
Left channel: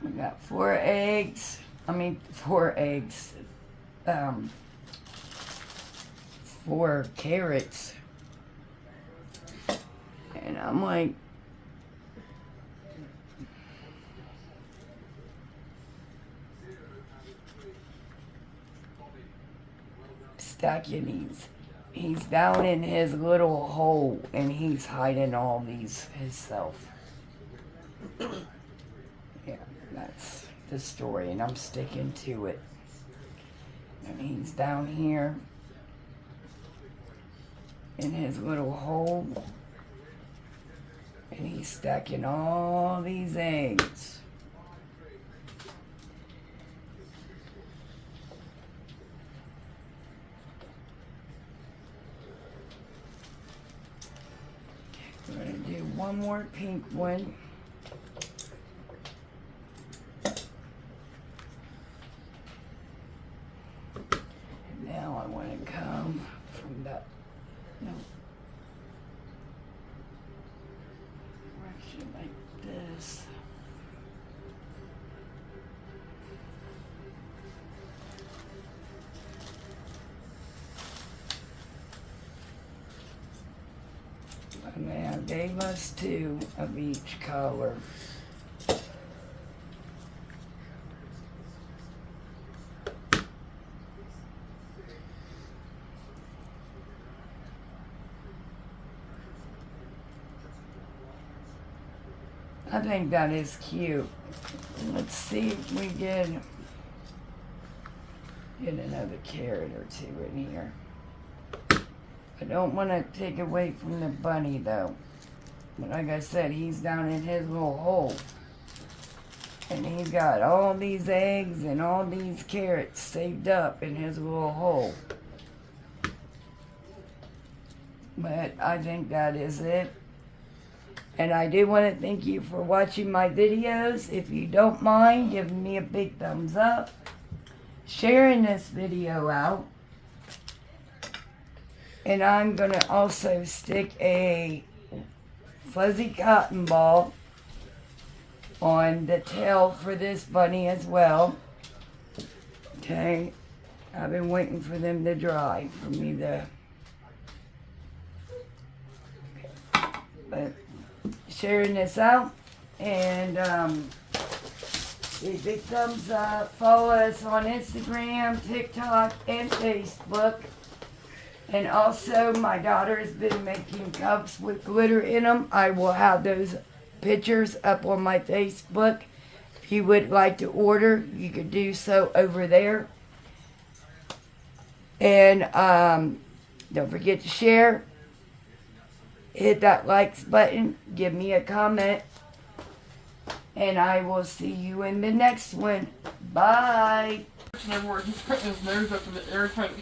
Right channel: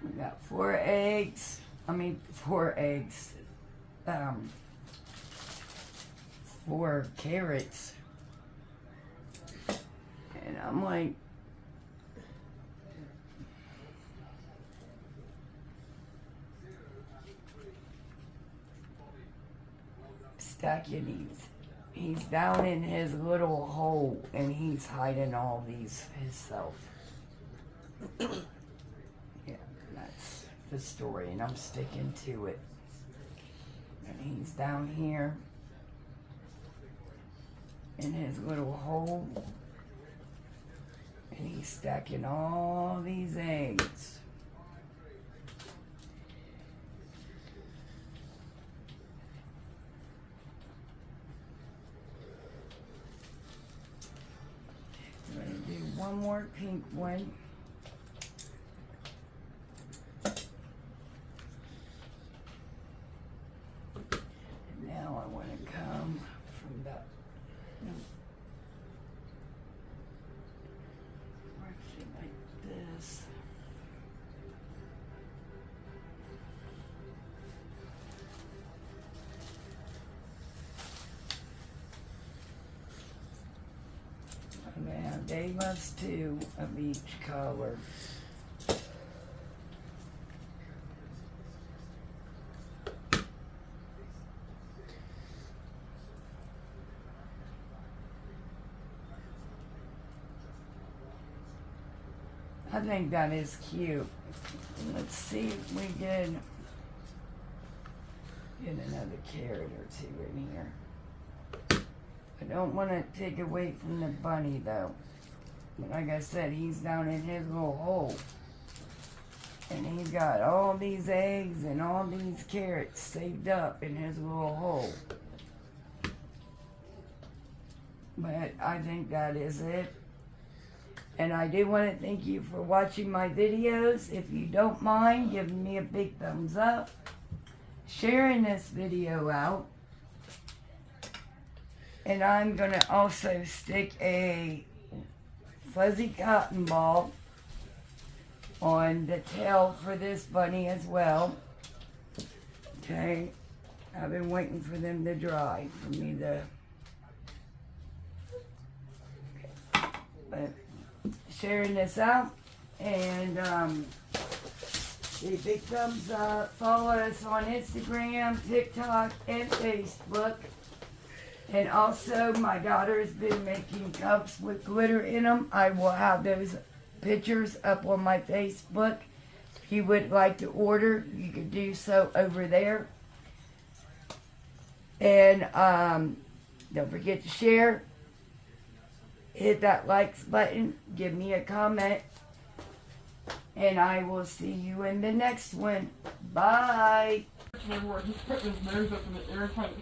We got 4 eggs. 4 carrots. And I'm like, stacking these. He's down in his little hole and he's hiding all these himself. Yeah, that's the story, and I'm sticking to it. And he's down here in his little hole, and he's stacking all these eggs. We're going to do one more pink one. Now I want to come from that direction like this. And now they must 2 of each color. I think that is cute. Let's see if we can get another carrot or 2 in here. I don't want to take away from the bunny though. But like I said, he's down in his little hole. And he's got all these eggs and all these carrots saved up in his little hole. But I think that is it. And I do want to thank you for watching my videos. If you don't mind, giving me a big thumbs up, sharing this video out. And I'm going to also stick a fuzzy cotton ball on the tail for this bunny as well. Okay, I've been waiting for them to dry for me to... But sharing this out, and give a big thumbs up. Follow us on Instagram, TikTok, and Facebook. And also, my daughter's been making cups with glitter in them. I will have those pictures up on my Facebook. If you would like to order, you could do so over there. And don't forget to share. Hit that likes button. Give me a comment. And I will see you in the next one. Bye. Everywhere he's putting his nose up in the air trying to